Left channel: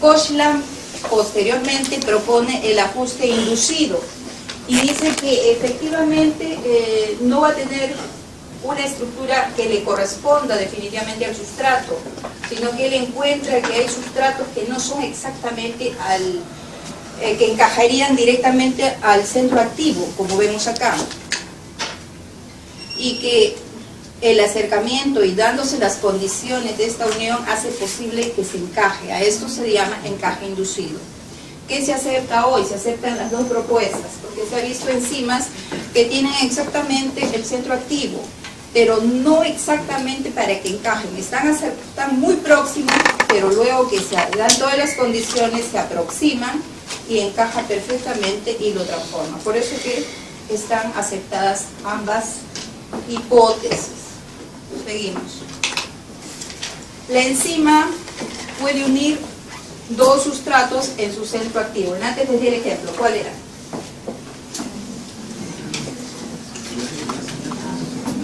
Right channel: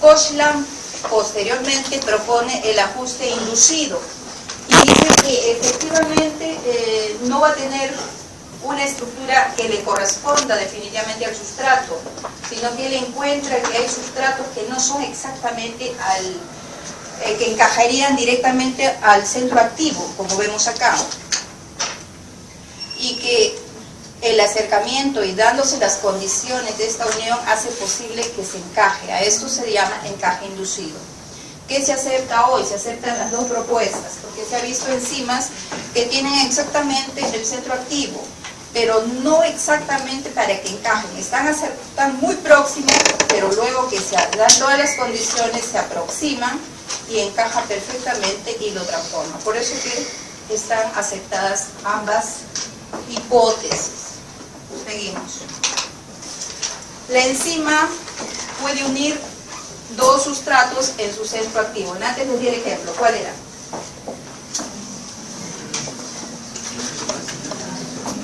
Koshland posteriormente propone el ajuste inducido y dice que efectivamente no va a tener una estructura que le corresponda definitivamente al sustrato, sino que él encuentra que hay sustratos que no son exactamente que encajarían directamente al centro activo, como vemos acá, y que el acercamiento y dándose las condiciones de esta unión hace posible que se encaje. A esto se llama encaje inducido. ¿Qué se acepta hoy? Se aceptan las dos propuestas, porque se ha visto enzimas que tienen exactamente el centro activo, pero no exactamente para que encajen. Están muy próximos, pero luego que se dan todas las condiciones, se aproximan y encaja perfectamente y lo transforma. Por eso que están aceptadas ambas hipótesis. Seguimos. La enzima puede unir dos sustratos en su centro activo. Antes les di el ejemplo. ¿Cuál era?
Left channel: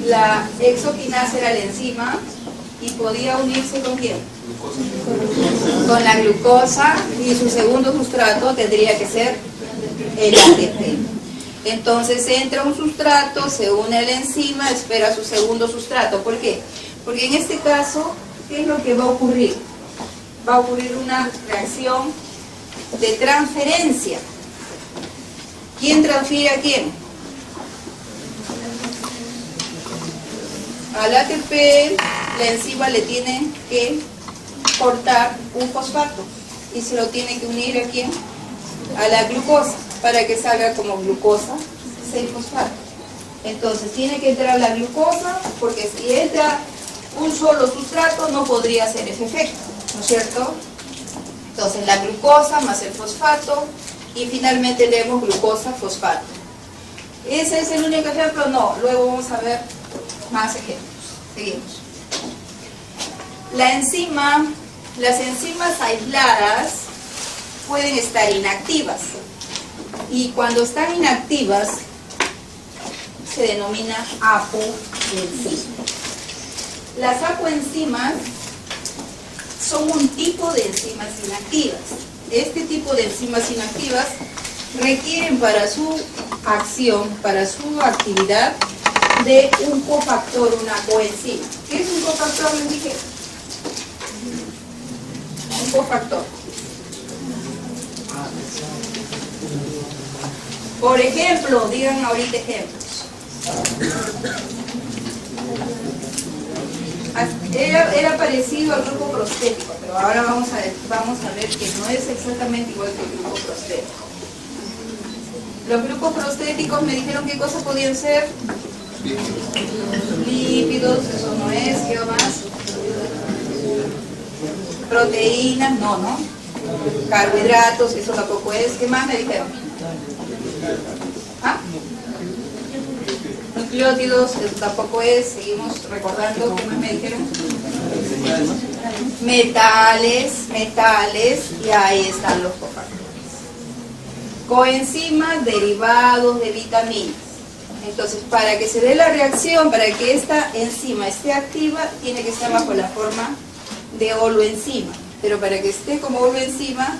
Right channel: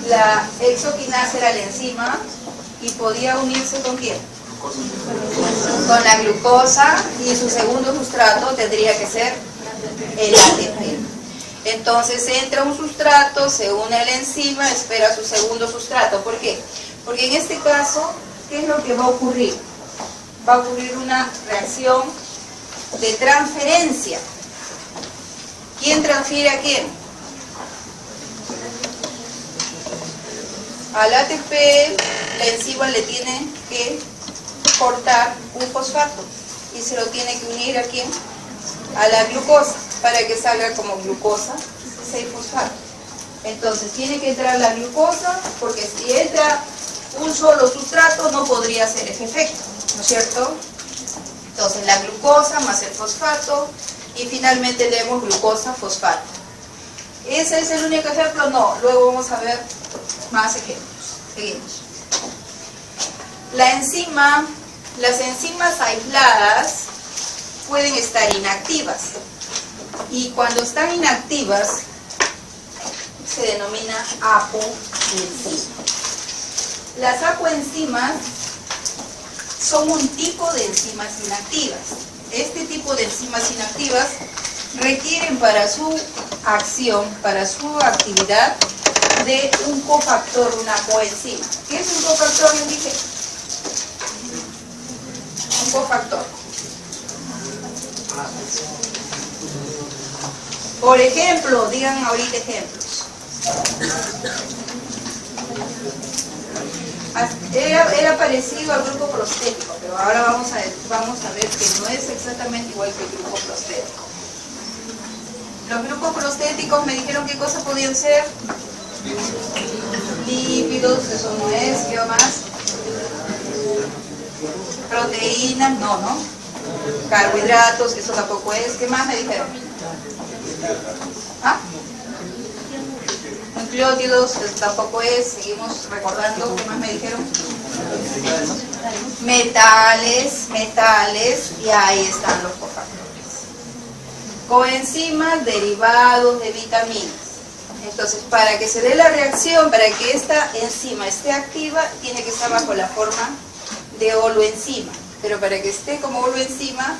La hexoquinasa era la enzima y podía unirse ¿con quién? Con la glucosa, y su segundo sustrato tendría que ser el ATP. Entonces entra un sustrato, se une a la enzima, espera su segundo sustrato. ¿Por qué? Porque en este caso, ¿qué es lo que va a ocurrir? Va a ocurrir una reacción de transferencia. ¿Quién transfiere a quién? Al ATP, la enzima le tiene que cortar un fosfato y se lo tiene que unir ¿a quién? A la glucosa, para que salga como glucosa 6-fosfato. Entonces tiene que entrar la glucosa, porque si entra un solo sustrato no podría hacer ese efecto, ¿no es cierto? Entonces la glucosa más el fosfato y finalmente leemos glucosa-fosfato. ¿Ese es el único ejemplo? No, luego vamos a ver más ejemplos. Seguimos. Las enzimas aisladas pueden estar inactivas y cuando están inactivas se denomina apoenzima. Las apoenzimas son un tipo de enzimas inactivas. Este tipo de enzimas inactivas requieren para su acción, para su actividad, de un cofactor, una coenzima. ¿Qué es un cofactor? Les dije. Un cofactor. Por ejemplo, digan ahorita ejemplos. Era parecido al grupo prostético, pero ahora vamos a ver que no es exactamente igual que el grupo prostético. Los grupos prostéticos me dijeron qué cosas podían ser. Lípidos, eso no es. ¿Qué más? Proteínas, no. Carbohidratos, eso tampoco es. ¿Qué más me dijeron? ¿Ah? Nucleótidos, eso tampoco es. Seguimos recordando. ¿Qué más me dijeron? Metales, y ahí están los cofactores. Coenzimas, derivados de vitaminas. Entonces, para que se dé la reacción, para que esta enzima esté activa, tiene que estar bajo la forma de holoenzima. Pero para que esté como holoenzima,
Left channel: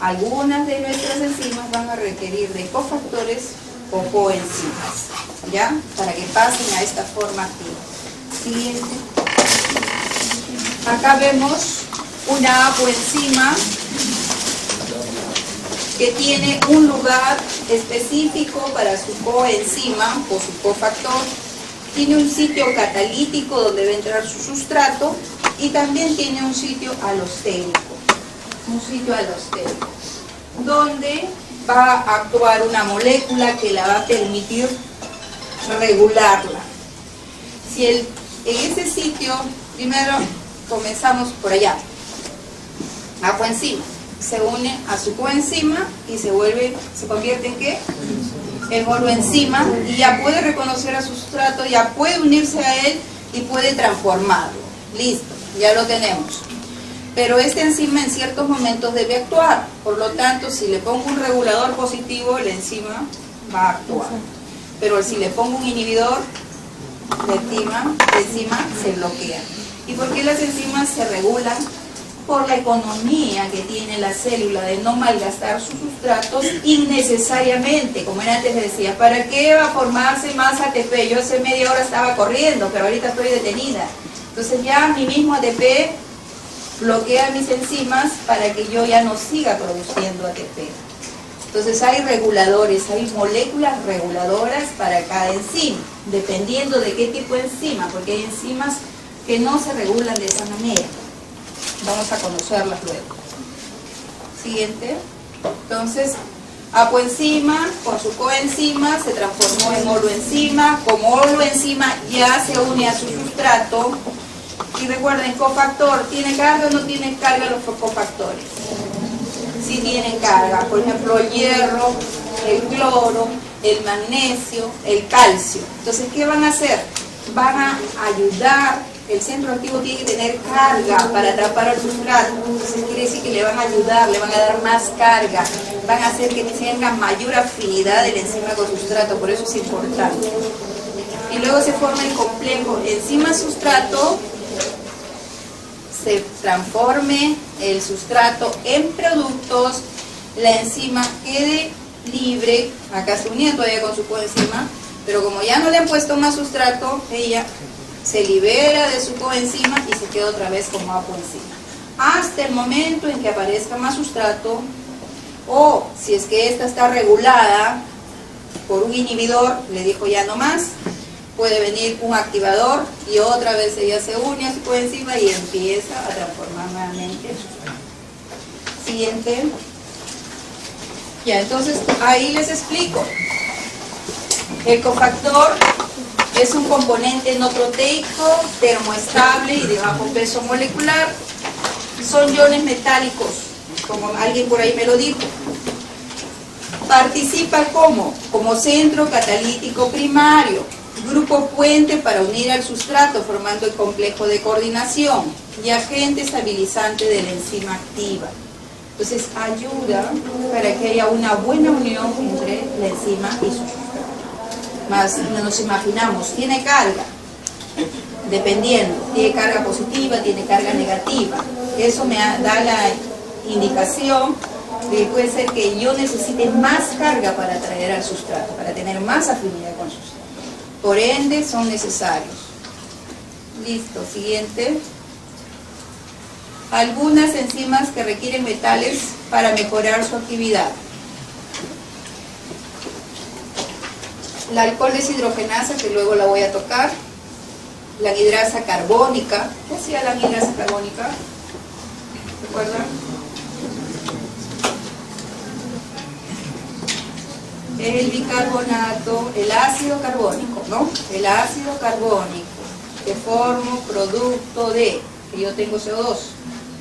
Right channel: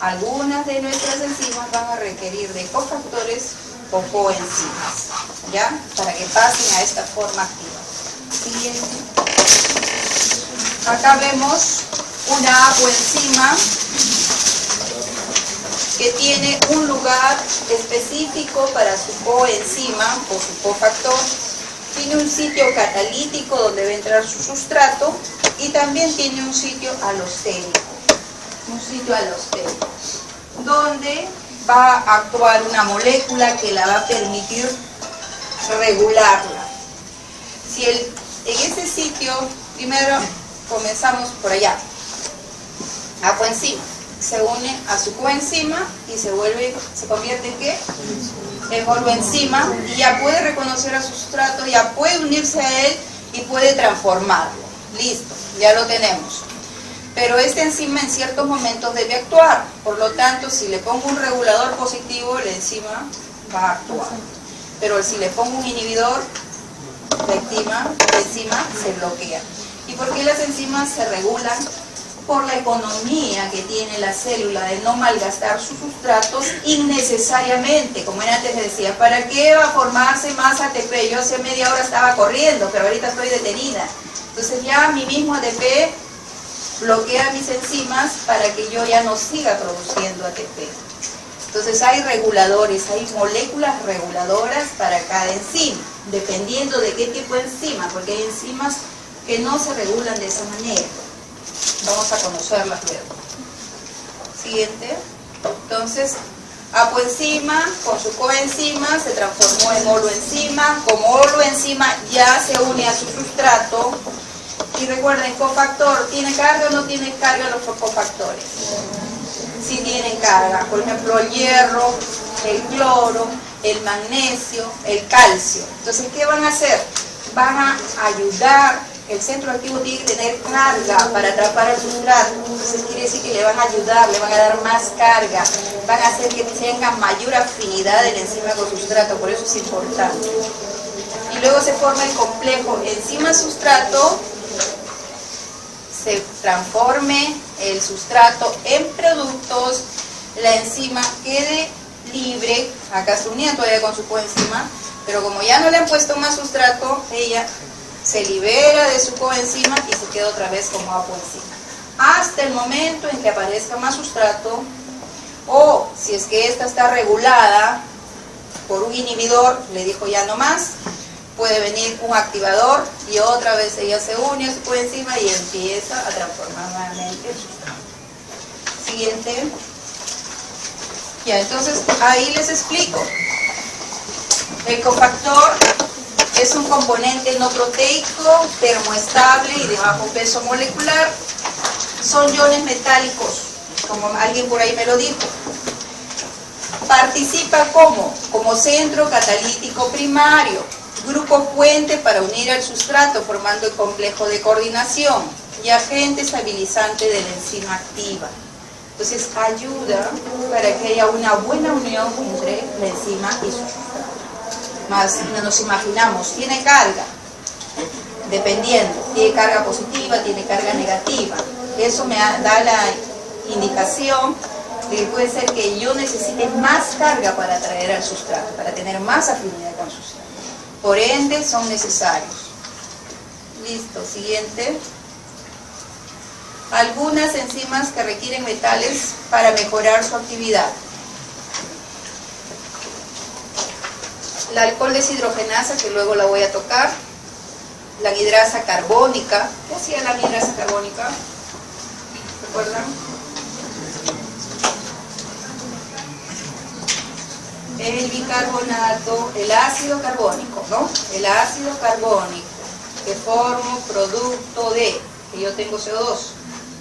algunas de nuestras enzimas van a requerir de cofactores o coenzimas, ¿ya? Para que pasen a esta forma activa. Siguiente. Acá vemos una apoenzima que tiene un lugar específico para su coenzima o su cofactor. Tiene un sitio catalítico donde va a entrar su sustrato y también tiene un sitio alostérico. Donde va a actuar una molécula que la va a permitir regularla. En ese sitio, primero comenzamos por allá, apoenzima. Se une a su coenzima y se convierte en ¿qué? En holoenzima, y ya puede reconocer a su sustrato, ya puede unirse a él y puede transformarlo. Listo, ya lo tenemos. Pero esta enzima en ciertos momentos debe actuar, por lo tanto, si le pongo un regulador positivo, la enzima va a actuar. Pero si le pongo un inhibidor, la enzima se bloquea. ¿Y por qué las enzimas se regulan por la economía que tiene la célula de no malgastar sus sustratos innecesariamente. Como antes decía, ¿para qué va a formarse más ATP? Yo hace media hora estaba corriendo, pero ahorita estoy detenida. Entonces ya mi mismo ATP bloquea mis enzimas para que yo ya no siga produciendo ATP. Entonces hay reguladores, hay moléculas reguladoras para cada enzima, dependiendo de qué tipo de enzima, porque hay enzimas que no se regulan de esa manera. Vamos a conocerlas luego. Siguiente. Entonces, apoenzima con su coenzima se transformó en holoenzima. Como holoenzima ya se une a su sustrato. Y recuerden, cofactor, ¿tiene carga o no tiene carga los cofactores? Sí tienen carga. Por ejemplo, el hierro, el cloro, el magnesio, el calcio. Entonces, ¿qué van a hacer? Van a ayudar. El centro activo tiene que tener carga para atrapar el sustrato. Entonces quiere decir que le van a ayudar, le van a dar más carga, van a hacer que tenga mayor afinidad el enzima con sustrato, por eso es importante. Y luego se forma el complejo enzima-sustrato, se transforme el sustrato en productos, la enzima quede libre, acá se unía todavía con su coenzima, pero como ya no le han puesto más sustrato, ella se libera de su coenzima y se queda otra vez como apoenzima. Hasta el momento en que aparezca más sustrato, o si es que esta está regulada por un inhibidor, le dijo ya no más, puede venir un activador y otra vez ella se une a su coenzima y empieza a transformar nuevamente el sustrato. Siguiente. Ya, entonces ahí les explico. El cofactor es un componente no proteico, termoestable y de bajo peso molecular. Son iones metálicos, como alguien por ahí me lo dijo. Participa como centro catalítico primario, grupo puente para unir al sustrato formando el complejo de coordinación y agente estabilizante de la enzima activa. Entonces ayuda para que haya una buena unión entre la enzima y su sustrato. Nos imaginamos, tiene carga, dependiendo, tiene carga positiva, tiene carga negativa. Eso me da la indicación de que puede ser que yo necesite más carga para atraer al sustrato, para tener más afinidad con el sustrato. Por ende, son necesarios. Listo, siguiente. Algunas enzimas que requieren metales para mejorar su actividad. La alcohol deshidrogenasa, que luego la voy a tocar. La anhidrasa carbónica. ¿Qué hacía la anhidrasa carbónica? ¿Recuerdan? El bicarbonato, el ácido carbónico, ¿no? El ácido carbónico, que formo producto de, que yo tengo CO2,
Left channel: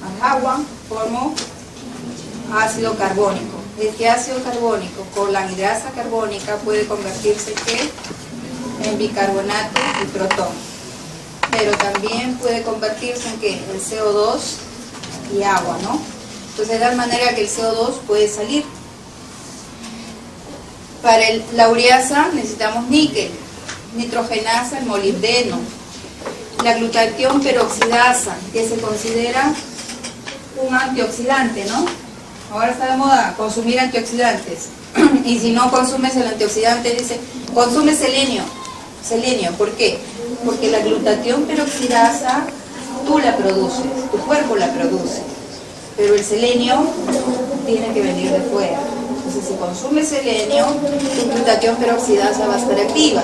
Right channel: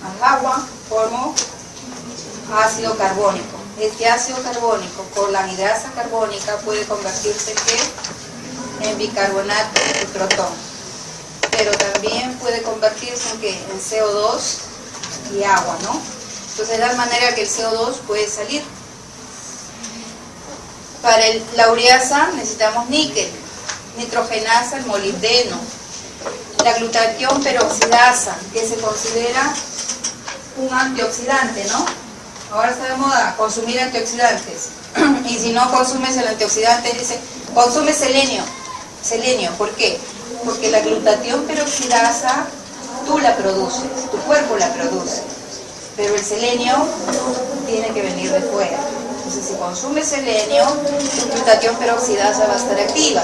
más agua, formo ácido carbónico. Este ácido carbónico con la anhidrasa carbónica puede convertirse en bicarbonato de protón, pero también puede convertirse en CO2 y agua, ¿no? Entonces de tal manera que el CO2 puede salir. Para la ureasa necesitamos níquel, nitrogenasa, el molibdeno, la glutatión peroxidasa, que se considera un antioxidante, ¿no? Ahora está de moda consumir antioxidantes. Y si no consumes el antioxidante, dice, consume selenio. Selenio, ¿por qué? Porque la glutatión peroxidasa tú la produces, tu cuerpo la produce. Pero el selenio tiene que venir de fuera. Entonces, si consumes selenio, tu glutatión peroxidasa va a estar activa.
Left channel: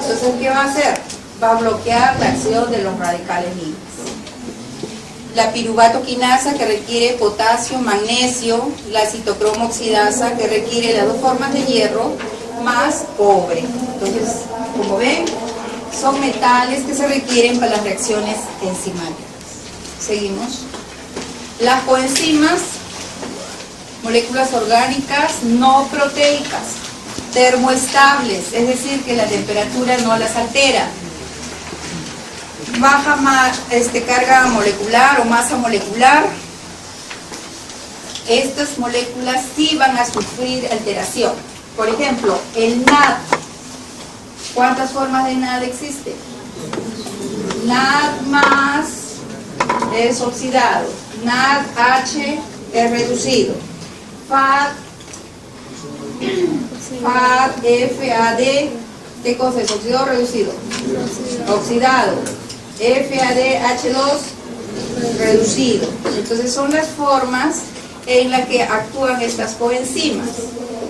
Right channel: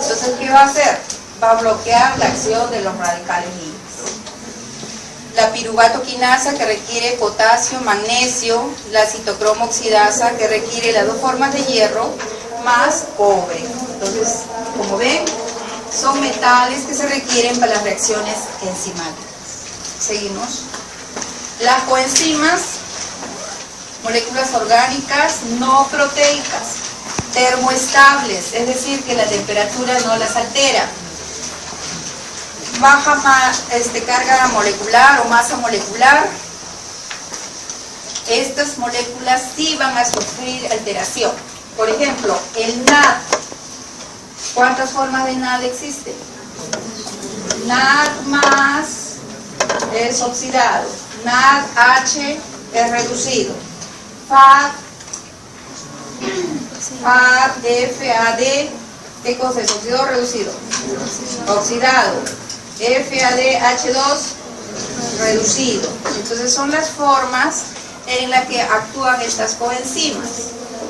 Entonces, ¿qué va a hacer? Va a bloquear la acción de los radicales libres. La piruvatoquinasa, que requiere potasio, magnesio, la citocromo oxidasa, que requiere las dos formas de hierro, más cobre. Entonces, como ven, son metales que se requieren para las reacciones enzimáticas. Seguimos. Las coenzimas, moléculas orgánicas no proteicas, termoestables, es decir, que la temperatura no las altera. Baja carga molecular o masa molecular, estas moléculas sí van a sufrir alteración. Por ejemplo, el NAD. ¿Cuántas formas de NAD existen? NAD más es oxidado. NADH es reducido. FAD, FAD, ¿qué cosa es? ¿Oxidado o reducido? Oxidado. FADH2, reducido. Entonces son las formas en las que actúan estas coenzimas.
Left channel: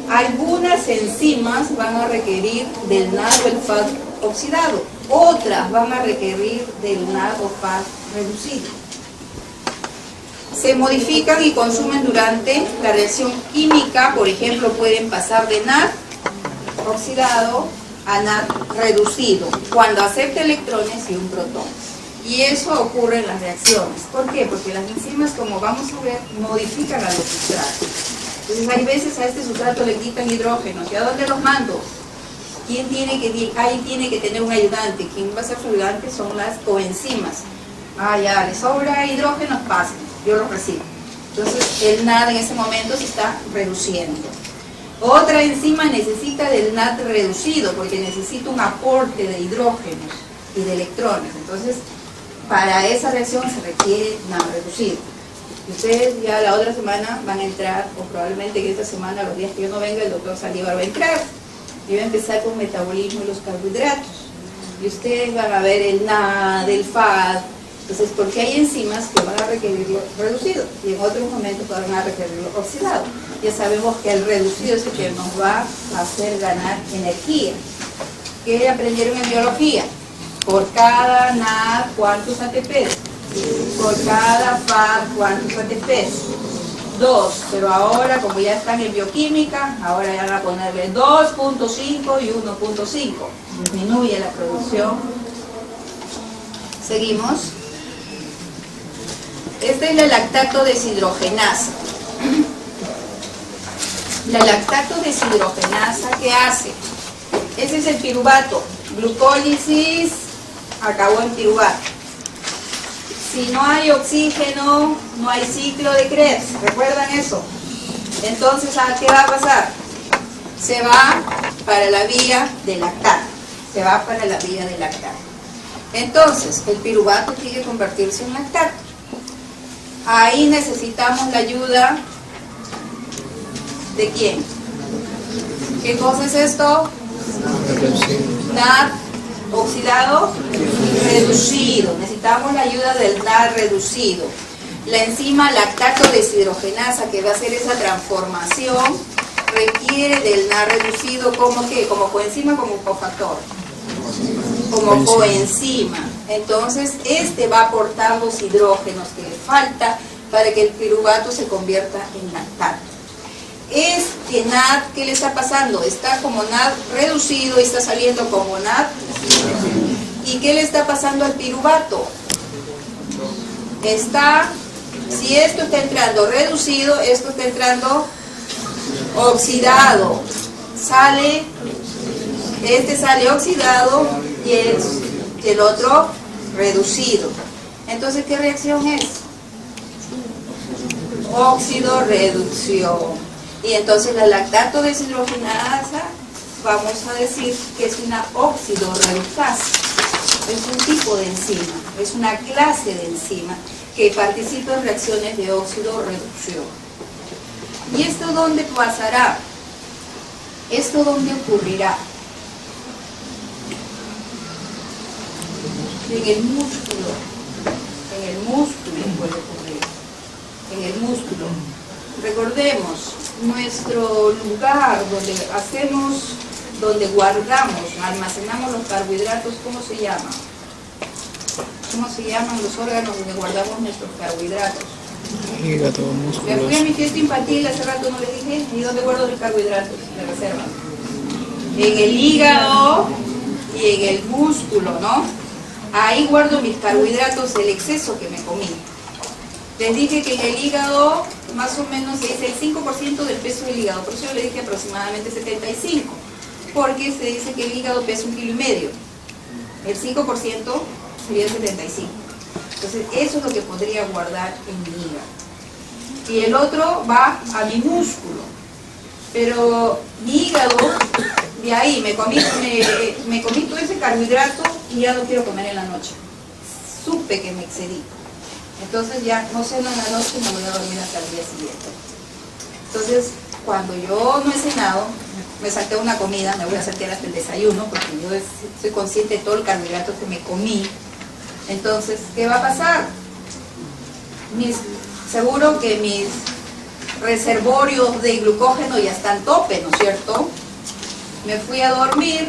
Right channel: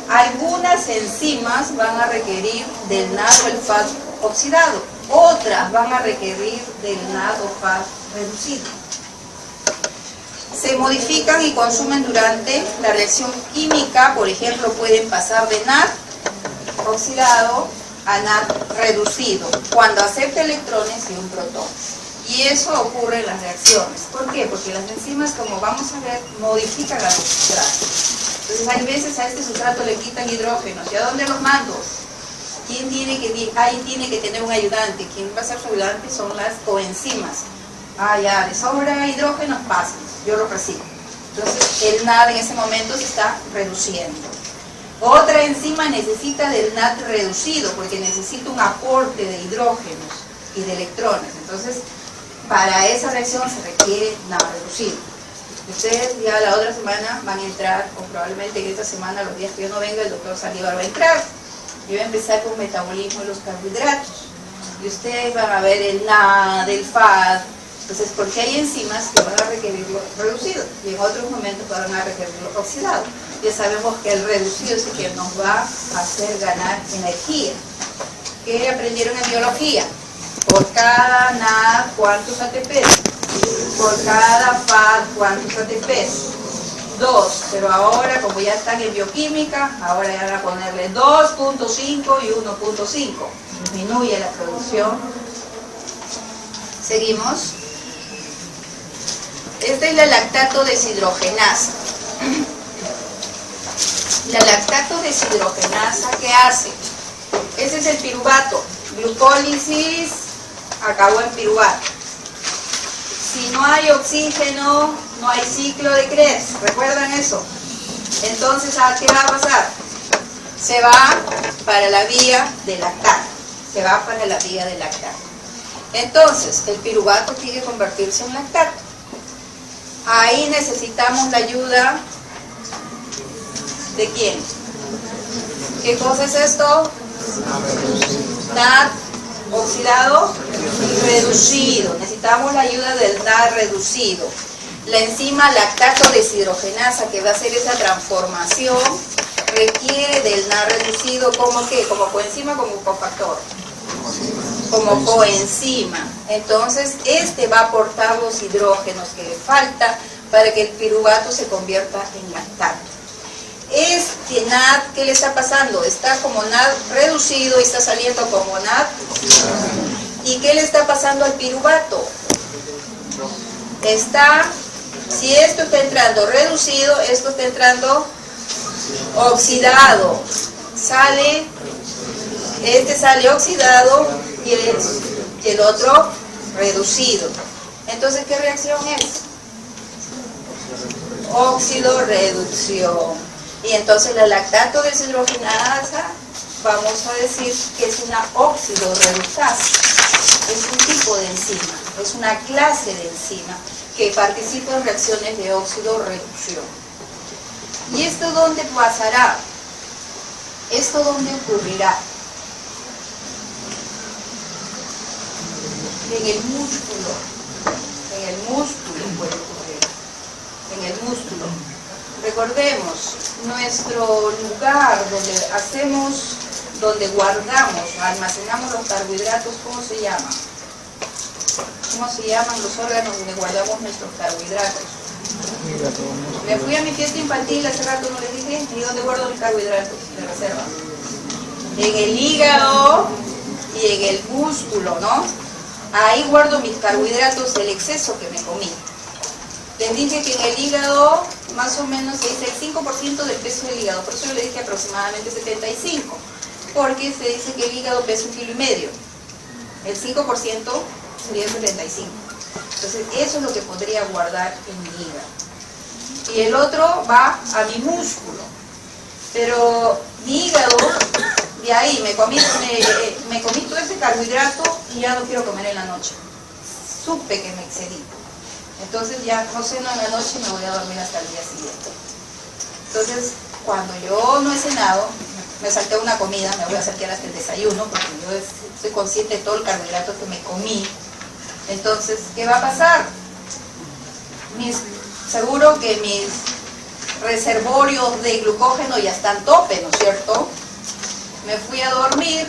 Algunas enzimas van a requerir del NAD o el FAD oxidado, otras van a requerir del NAD o FAD reducido. Se modifican y consumen durante la reacción química, por ejemplo, pueden pasar de NAD oxidado a NAD reducido, cuando acepta electrones y un protón. Y eso ocurre en las reacciones. ¿Por qué? Porque las enzimas, como vamos a ver, modifican a los sustratos. Entonces hay veces a este sustrato le quitan hidrógenos. ¿Y a dónde los mando? Ahí tiene que tener un ayudante. ¿Quién va a ser su ayudante? Son las coenzimas. Ah, ya, le sobra hidrógenos, pasen, yo los recibo. Entonces el NAD en ese momento se está reduciendo. Otra enzima necesita del NAD reducido porque necesita un aporte de hidrógenos y de electrones. Entonces, para esa reacción se requiere NAD reducido. Ustedes ya la otra semana van a entrar, o probablemente que esta semana, los días que yo no venga, el doctor Saldívar va a entrar. Y va a empezar con metabolismo de los carbohidratos. Y ustedes van a ver el NAD, el FAD. Entonces, porque hay enzimas que van a requerirlo reducido y en otros momentos van a requerirlo oxidado. Ya sabemos que el reducido es el que nos va a hacer ganar energía. ¿Qué aprendieron en biología? Por cada NAD, ¿cuántos ATPs? Por cada FAD, ¿cuántos ATPs? 2, pero ahora como ya están en bioquímica, ahora ya van a ponerle 2.5 y 1.5. Disminuye la producción. Seguimos. Esta es la lactato deshidrogenasa. La lactato deshidrogenasa, ¿qué hace? Ese es el piruvato. Glucólisis, acabó en piruvato. Si no hay oxígeno, no hay ciclo de Krebs. ¿Recuerdan eso? Entonces, ¿qué va a pasar? Se va para la vía de lactato. Se va para la vía de lactato. Entonces, el piruvato tiene que convertirse en lactato. Ahí necesitamos la ayuda ¿de quién? ¿Qué cosa es esto? NAD oxidado y reducido. Necesitamos la ayuda del NAD reducido. La enzima lactato deshidrogenasa que va a hacer esa transformación requiere del NAD reducido como ¿qué? Como coenzima, como cofactor. Como coenzima. Entonces, este va a aportar los hidrógenos que le falta para que el piruvato se convierta en lactato. Este NAD, ¿qué le está pasando? Está como NAD reducido y está saliendo como NAD. ¿Y qué le está pasando al piruvato? Si esto está entrando reducido, esto está entrando oxidado. Este sale oxidado y el otro reducido. Entonces, ¿qué reacción es? Óxido-reducción. Y entonces la lactato deshidrogenasa, vamos a decir que es una óxido-reductasa. Es un tipo de enzima, es una clase de enzima que participa en reacciones de óxido-reducción. ¿Y esto dónde pasará? ¿Esto dónde ocurrirá? En el músculo. En el músculo puede ocurrir. En el músculo. Recordemos, nuestro lugar donde guardamos, almacenamos los carbohidratos, ¿cómo se llama? ¿Cómo se llaman los órganos donde guardamos nuestros carbohidratos? Hígado, músculos. Me fui a mi fiesta infantil hace rato, no les dije, ¿y dónde guardo mis carbohidratos de reserva? En el hígado y en el músculo, ¿no? Ahí guardo mis carbohidratos del exceso que me comí. Les dije que en el hígado más o menos es el 5% del peso del hígado, por eso yo le dije aproximadamente 75, porque se dice que el hígado pesa 1,5 kilos. El 5% sería 75. Entonces eso es lo que podría guardar en mi hígado. Y el otro va a mi músculo. Pero mi hígado, de ahí me comí todo ese carbohidrato y ya no quiero comer en la noche. Supe que me excedí. Entonces ya no ceno en la noche y me voy a dormir hasta el día siguiente. Entonces, cuando yo no he cenado, me salté una comida, me voy a saltear hasta el desayuno, porque yo soy consciente de todo el carbohidrato que me comí. Entonces, ¿qué va a pasar? Seguro que mis reservorios de glucógeno ya están tope, ¿no es cierto? Me fui a dormir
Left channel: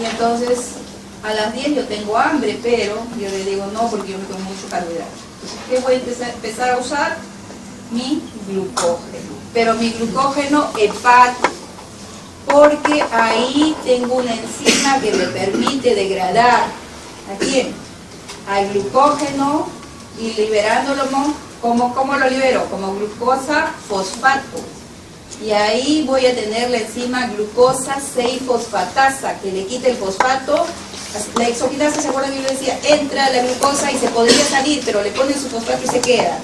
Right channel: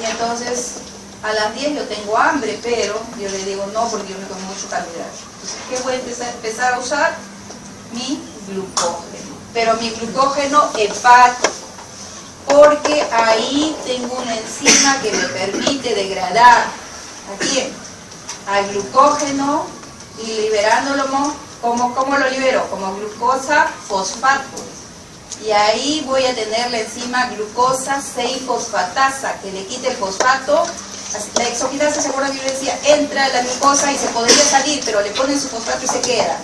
y entonces a las 10 yo tengo hambre, pero yo le digo no porque yo me comí mucho carbohidrato. Entonces, ¿qué voy a empezar a usar? Mi glucógeno. Pero mi glucógeno hepático, porque ahí tengo una enzima que me permite degradar ¿a quién? Al glucógeno y liberándolo. ¿Cómo lo libero? Como glucosa fosfato. Y ahí voy a tener la enzima glucosa 6-fosfatasa, que le quita el fosfato. La exoquinasa, ¿se acuerdan que yo decía? Entra la glucosa y se podría salir, pero le ponen su fosfato y se queda.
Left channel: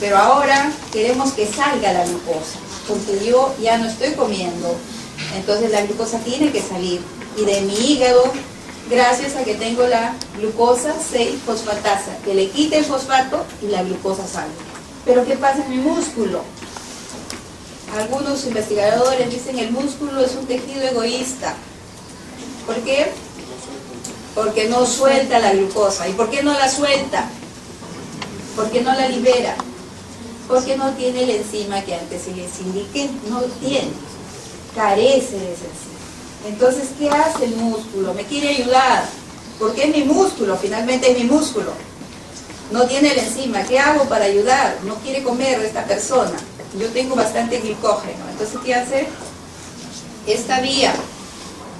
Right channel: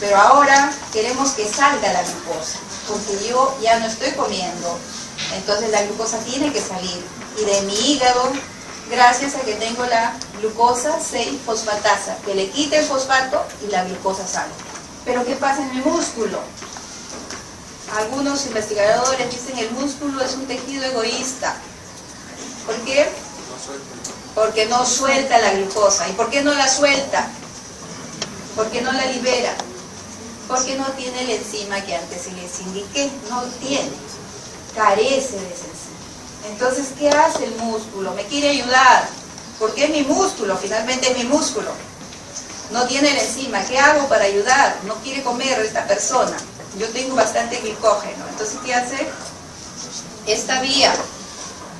Pero ahora queremos que salga la glucosa, porque yo ya no estoy comiendo. Entonces la glucosa tiene que salir. Y de mi hígado, gracias a que tengo la glucosa 6-fosfatasa, que le quite el fosfato y la glucosa sale. Pero ¿qué pasa en mi músculo? Algunos investigadores dicen que el músculo es un tejido egoísta. ¿Por qué? Porque no suelta la glucosa. ¿Y por qué no la suelta? Porque no la libera. Porque no tiene la enzima que antes les indiqué. No tiene. Carece de esa enzima. Entonces, ¿qué hace el músculo? Me quiere ayudar. Porque es mi músculo, finalmente es mi músculo. No tiene la enzima. ¿Qué hago para ayudar? No quiere comer esta persona. Yo tengo bastante glucógeno. Entonces, ¿qué hace? Esta vía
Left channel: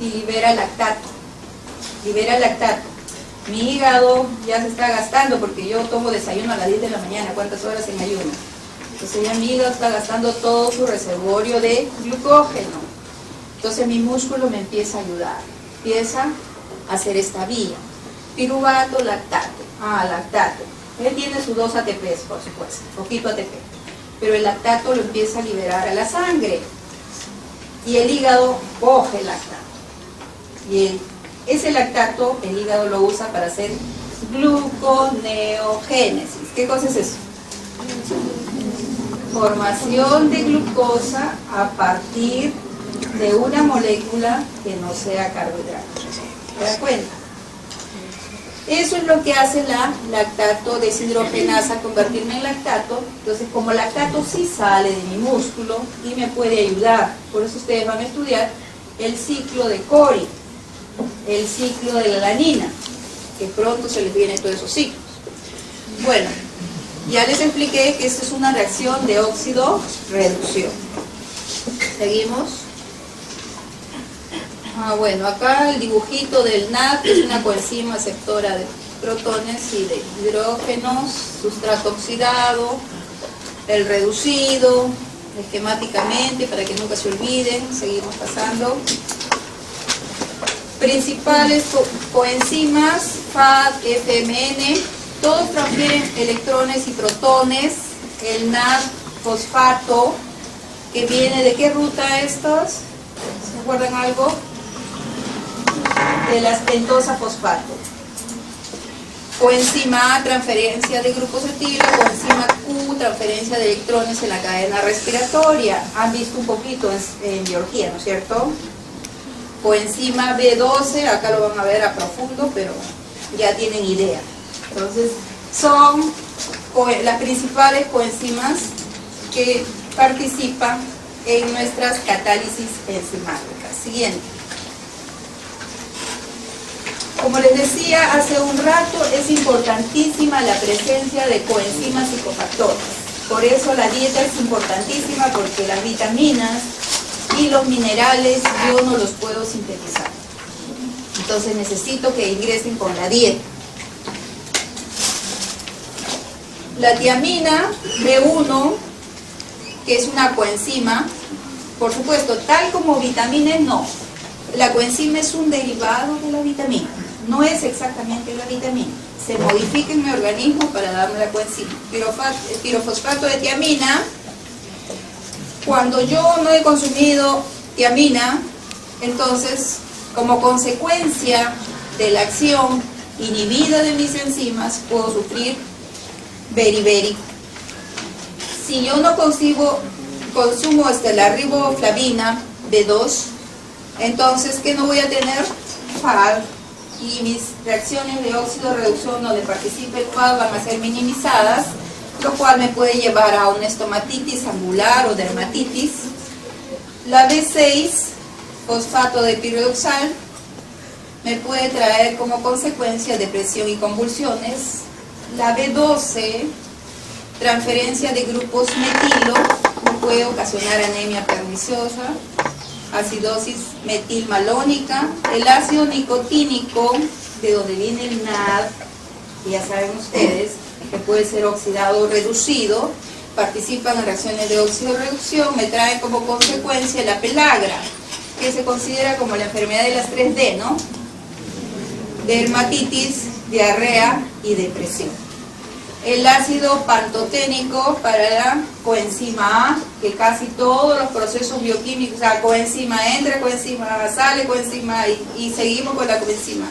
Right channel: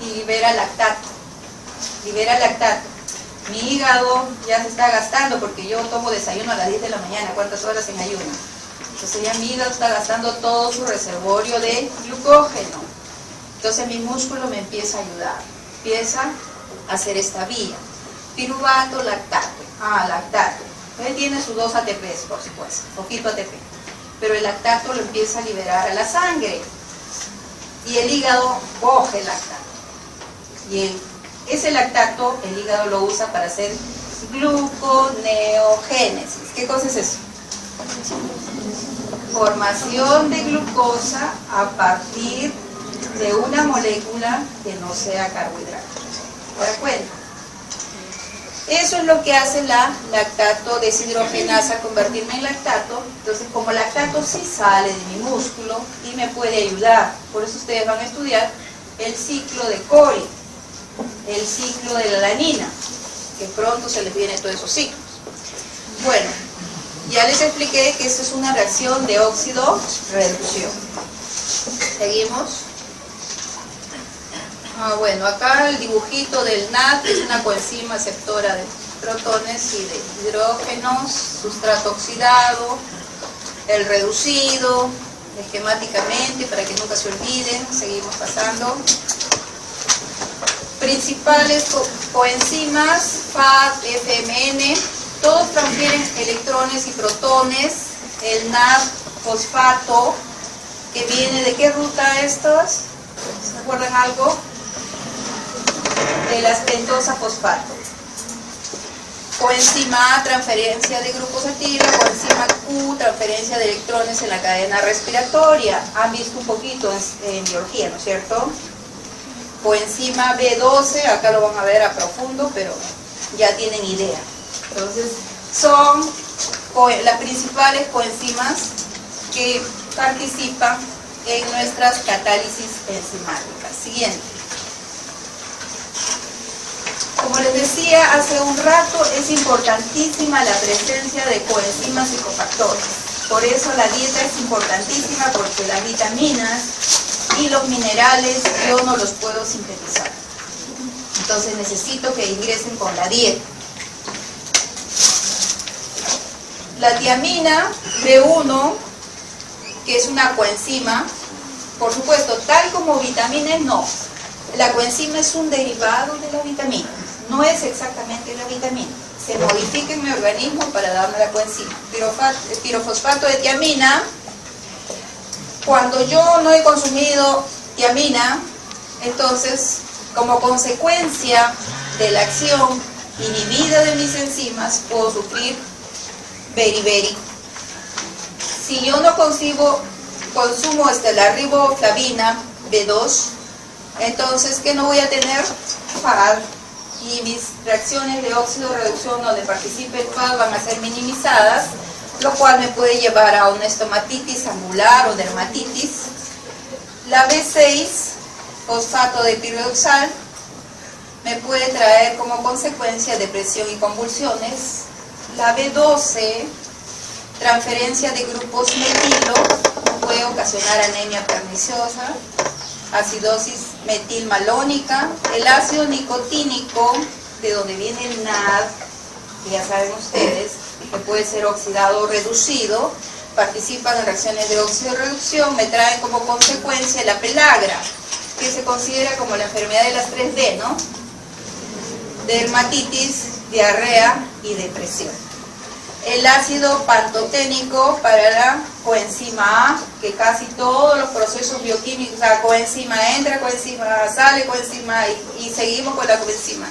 y libera lactato. Libera lactato. Mi hígado ya se está gastando porque yo tomo desayuno a las 10 de la mañana. ¿Cuántas horas sin ayuno? Entonces ya mi hígado está gastando todo su reservorio de glucógeno. Entonces mi músculo me empieza a ayudar. Empieza a hacer esta vía. Piruvato, lactato. Lactato. Él tiene sus 2 ATPs, por supuesto. Poquito ATP. Pero el lactato lo empieza a liberar a la sangre. Y el hígado coge el lactato. Y ese lactato, el hígado lo usa para hacer gluconeogénesis. ¿Qué cosa es eso? Formación de glucosa a partir de una molécula que no sea carbohidrato. ¿Se da cuenta? Eso es lo que hace la lactato deshidrogenasa al convertirme en lactato. Entonces, como lactato sí sale de mi músculo y me puede ayudar. Por eso ustedes van a estudiar el ciclo de Cori, el ciclo de la alanina, que pronto se les vienen todos esos ciclos. Bueno, ya les expliqué que esto es una reacción de óxido-reducción. Seguimos. Bueno, acá el dibujito del NAD es una coenzima aceptora de protones y de hidrógenos, sustrato oxidado, el reducido, esquemáticamente, para que nunca se olviden. Seguimos pasando. Principales coenzimas, FAD, FMN, todos transfieren electrones y protones. El NAD fosfato, que viene de qué ruta estas, ¿se acuerdan algo? De la pentosa fosfato. Coenzima A, transferencia de grupos etilo, coenzima Q, transferencia de electrones en la cadena respiratoria. Han visto un poquito en biología, ¿no es cierto? Coenzima B12, acá lo van a ver a profundo, pero ya tienen idea. Entonces, son las principales coenzimas que participan en nuestras catálisis enzimáticas. Siguiente. Como les decía hace un rato, es importantísima la presencia de coenzimas y cofactores. Por eso la dieta es importantísima, porque las vitaminas y los minerales yo no los puedo sintetizar. Entonces necesito que ingresen con la dieta. La tiamina B1, que es una coenzima, por supuesto, tal como vitamina no. La coenzima es un derivado de la vitamina, no es exactamente la vitamina. Se modifica en mi organismo para darme la coenzima. Pirofosfato de tiamina, cuando yo no he consumido tiamina, entonces, como consecuencia de la acción inhibida de mis enzimas, puedo sufrir beriberi. Si yo no consumo la riboflavina B2, entonces, ¿qué no voy a tener? FAD. Y mis reacciones de óxido reducción donde participa el FAD van a ser minimizadas, lo cual me puede llevar a una estomatitis angular o dermatitis. La B6, fosfato de pirodoxal, me puede traer como consecuencia depresión y convulsiones. La B12, transferencia de grupos metilo, me puede ocasionar anemia perniciosa, acidosis metilmalónica. El ácido nicotínico, de donde viene el NAD, que ya saben ustedes, que puede ser oxidado o reducido, participan en reacciones de óxido-reducción, me trae como consecuencia la pelagra, que se considera como la enfermedad de las 3D, ¿no? Dermatitis, diarrea y depresión. El ácido pantoténico para la coenzima A, que casi todos los procesos bioquímicos, o sea, coenzima entra, coenzima sale, coenzima y seguimos con la coenzima.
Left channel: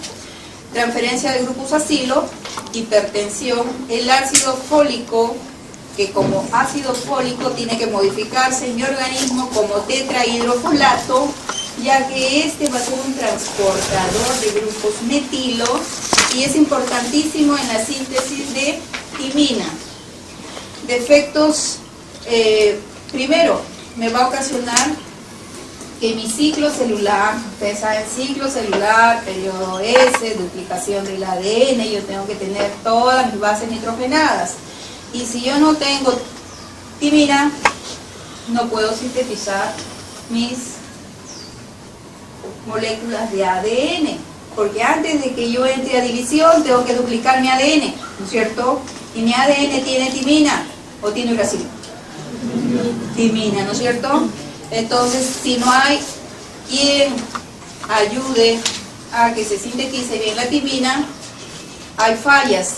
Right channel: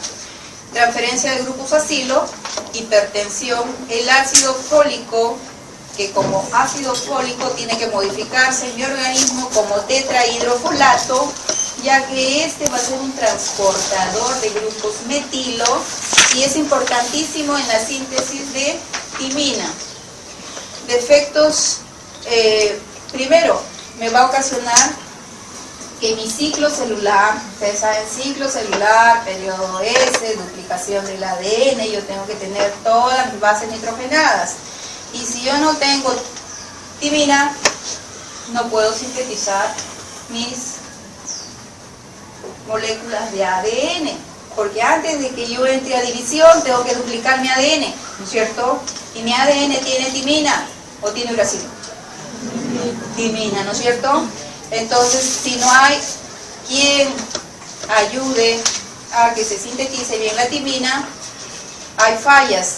Transferencia de grupos acilo, hipertensión. El ácido fólico, que como ácido fólico tiene que modificarse en mi organismo como tetrahidrofolato, ya que este va a ser un transportador de grupos metilo y es importantísimo en la síntesis de timina. Defectos, primero, me va a ocasionar que mi ciclo celular, ustedes saben, ciclo celular, periodo S, duplicación del ADN, yo tengo que tener todas mis bases nitrogenadas. Y si yo no tengo timina, no puedo sintetizar mis moléculas de ADN, porque antes de que yo entre a división tengo que duplicar mi ADN, ¿no es cierto? Y mi ADN tiene timina o tiene uracilo. Timina, ¿no es cierto? Entonces, si no hay quien ayude a que se sintetice bien la timina, hay fallas,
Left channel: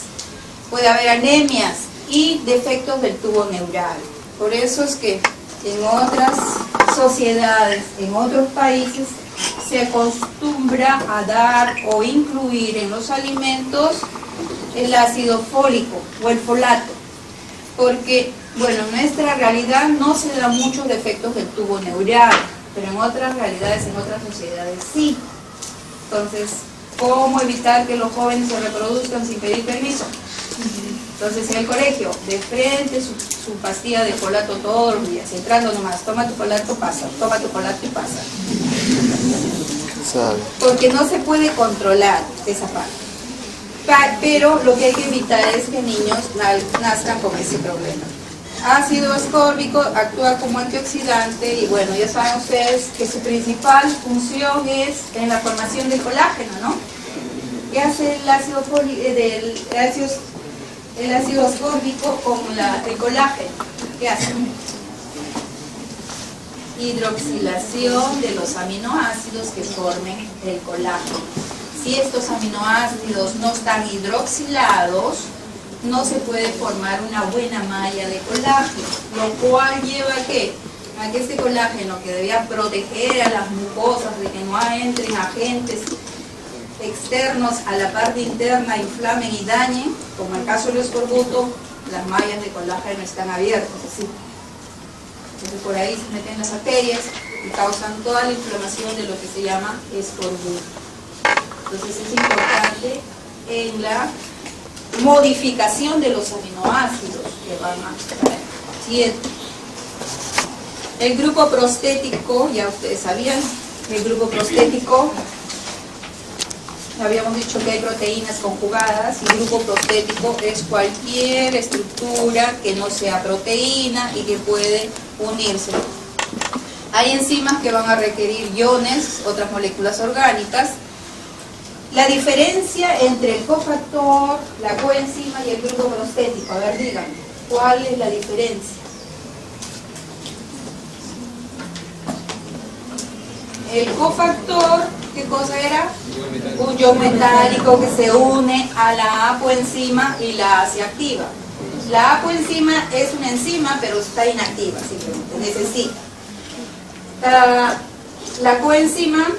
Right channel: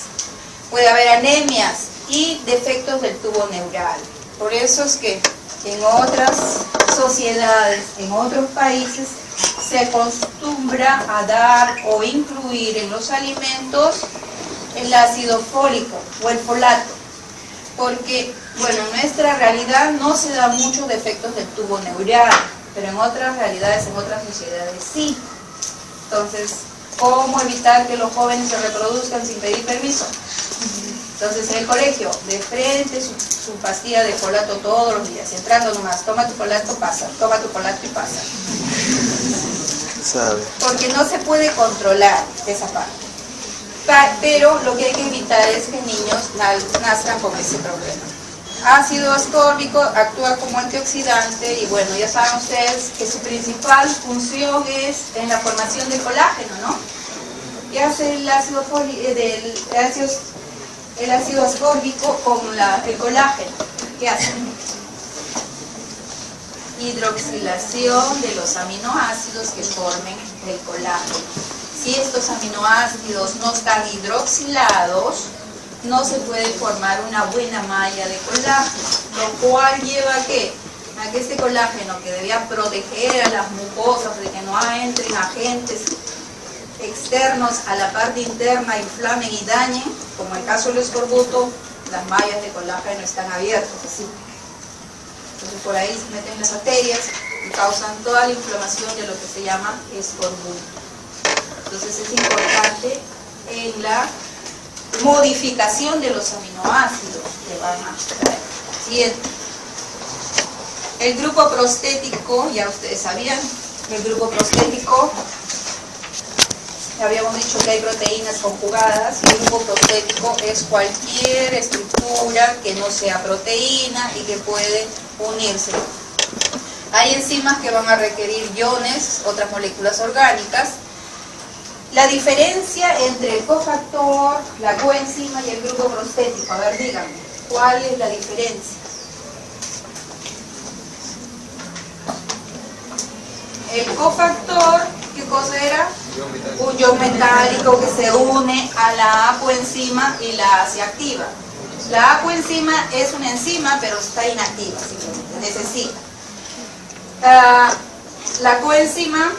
puede haber anemias y defectos del tubo neural. Por eso es que en otras sociedades, en otros países, se acostumbra a dar o incluir en los alimentos el ácido fólico o el folato, porque, bueno, en nuestra realidad no se dan muchos defectos del tubo neural, pero en otras realidades, en otras sociedades sí. Entonces, ¿cómo evitar que los jóvenes se reproduzcan sin pedir permiso? Entonces, en el colegio, de frente, su pastilla de folato todos los días, y entrando nomás, toma tu folato, pasa, toma tu folato y pasa. Porque no se puede controlar esa parte. Pero lo que hay que evitar es que niños nazcan con ese problema. Ácido ascórbico actúa como antioxidante y bueno, ya saben ustedes que su principal función es en la formación del colágeno, ¿no? ¿Qué hace el ácido ascórbico con el colágeno? ¿Qué hace? Hidroxilación de los aminoácidos que formen el colágeno. Si estos aminoácidos no están hidroxilados, no se puede formar una buena malla de colágeno, lo cual lleva a que este colágeno, que debía proteger a las mucosas de que no entren agentes externos a la parte interna, inflamen y dañen, como en el caso del escorbuto, las mallas de colágeno están abiertas, ¿sí? Entonces por ahí se meten las arterias y causan toda la inflamación de lo que se llama escorbuto. Entonces es importante en la modificación de los aminoácidos que van a traer. Siguiente. El grupo prostético, ya ustedes sabían, el grupo prostético, habíamos dicho que hay proteínas conjugadas. El grupo prostético es cualquier estructura que no sea proteína y que puede unirse. Hay enzimas que van a requerir iones, otras moléculas orgánicas. La diferencia entre el cofactor, la coenzima y el grupo prostético, a ver, díganme, ¿cuál es la diferencia? El cofactor, ¿qué cosa era? Un ion metálico que se une a la apoenzima y la hace activa. La apoenzima es una enzima, pero está inactiva, simplemente necesita. La coenzima,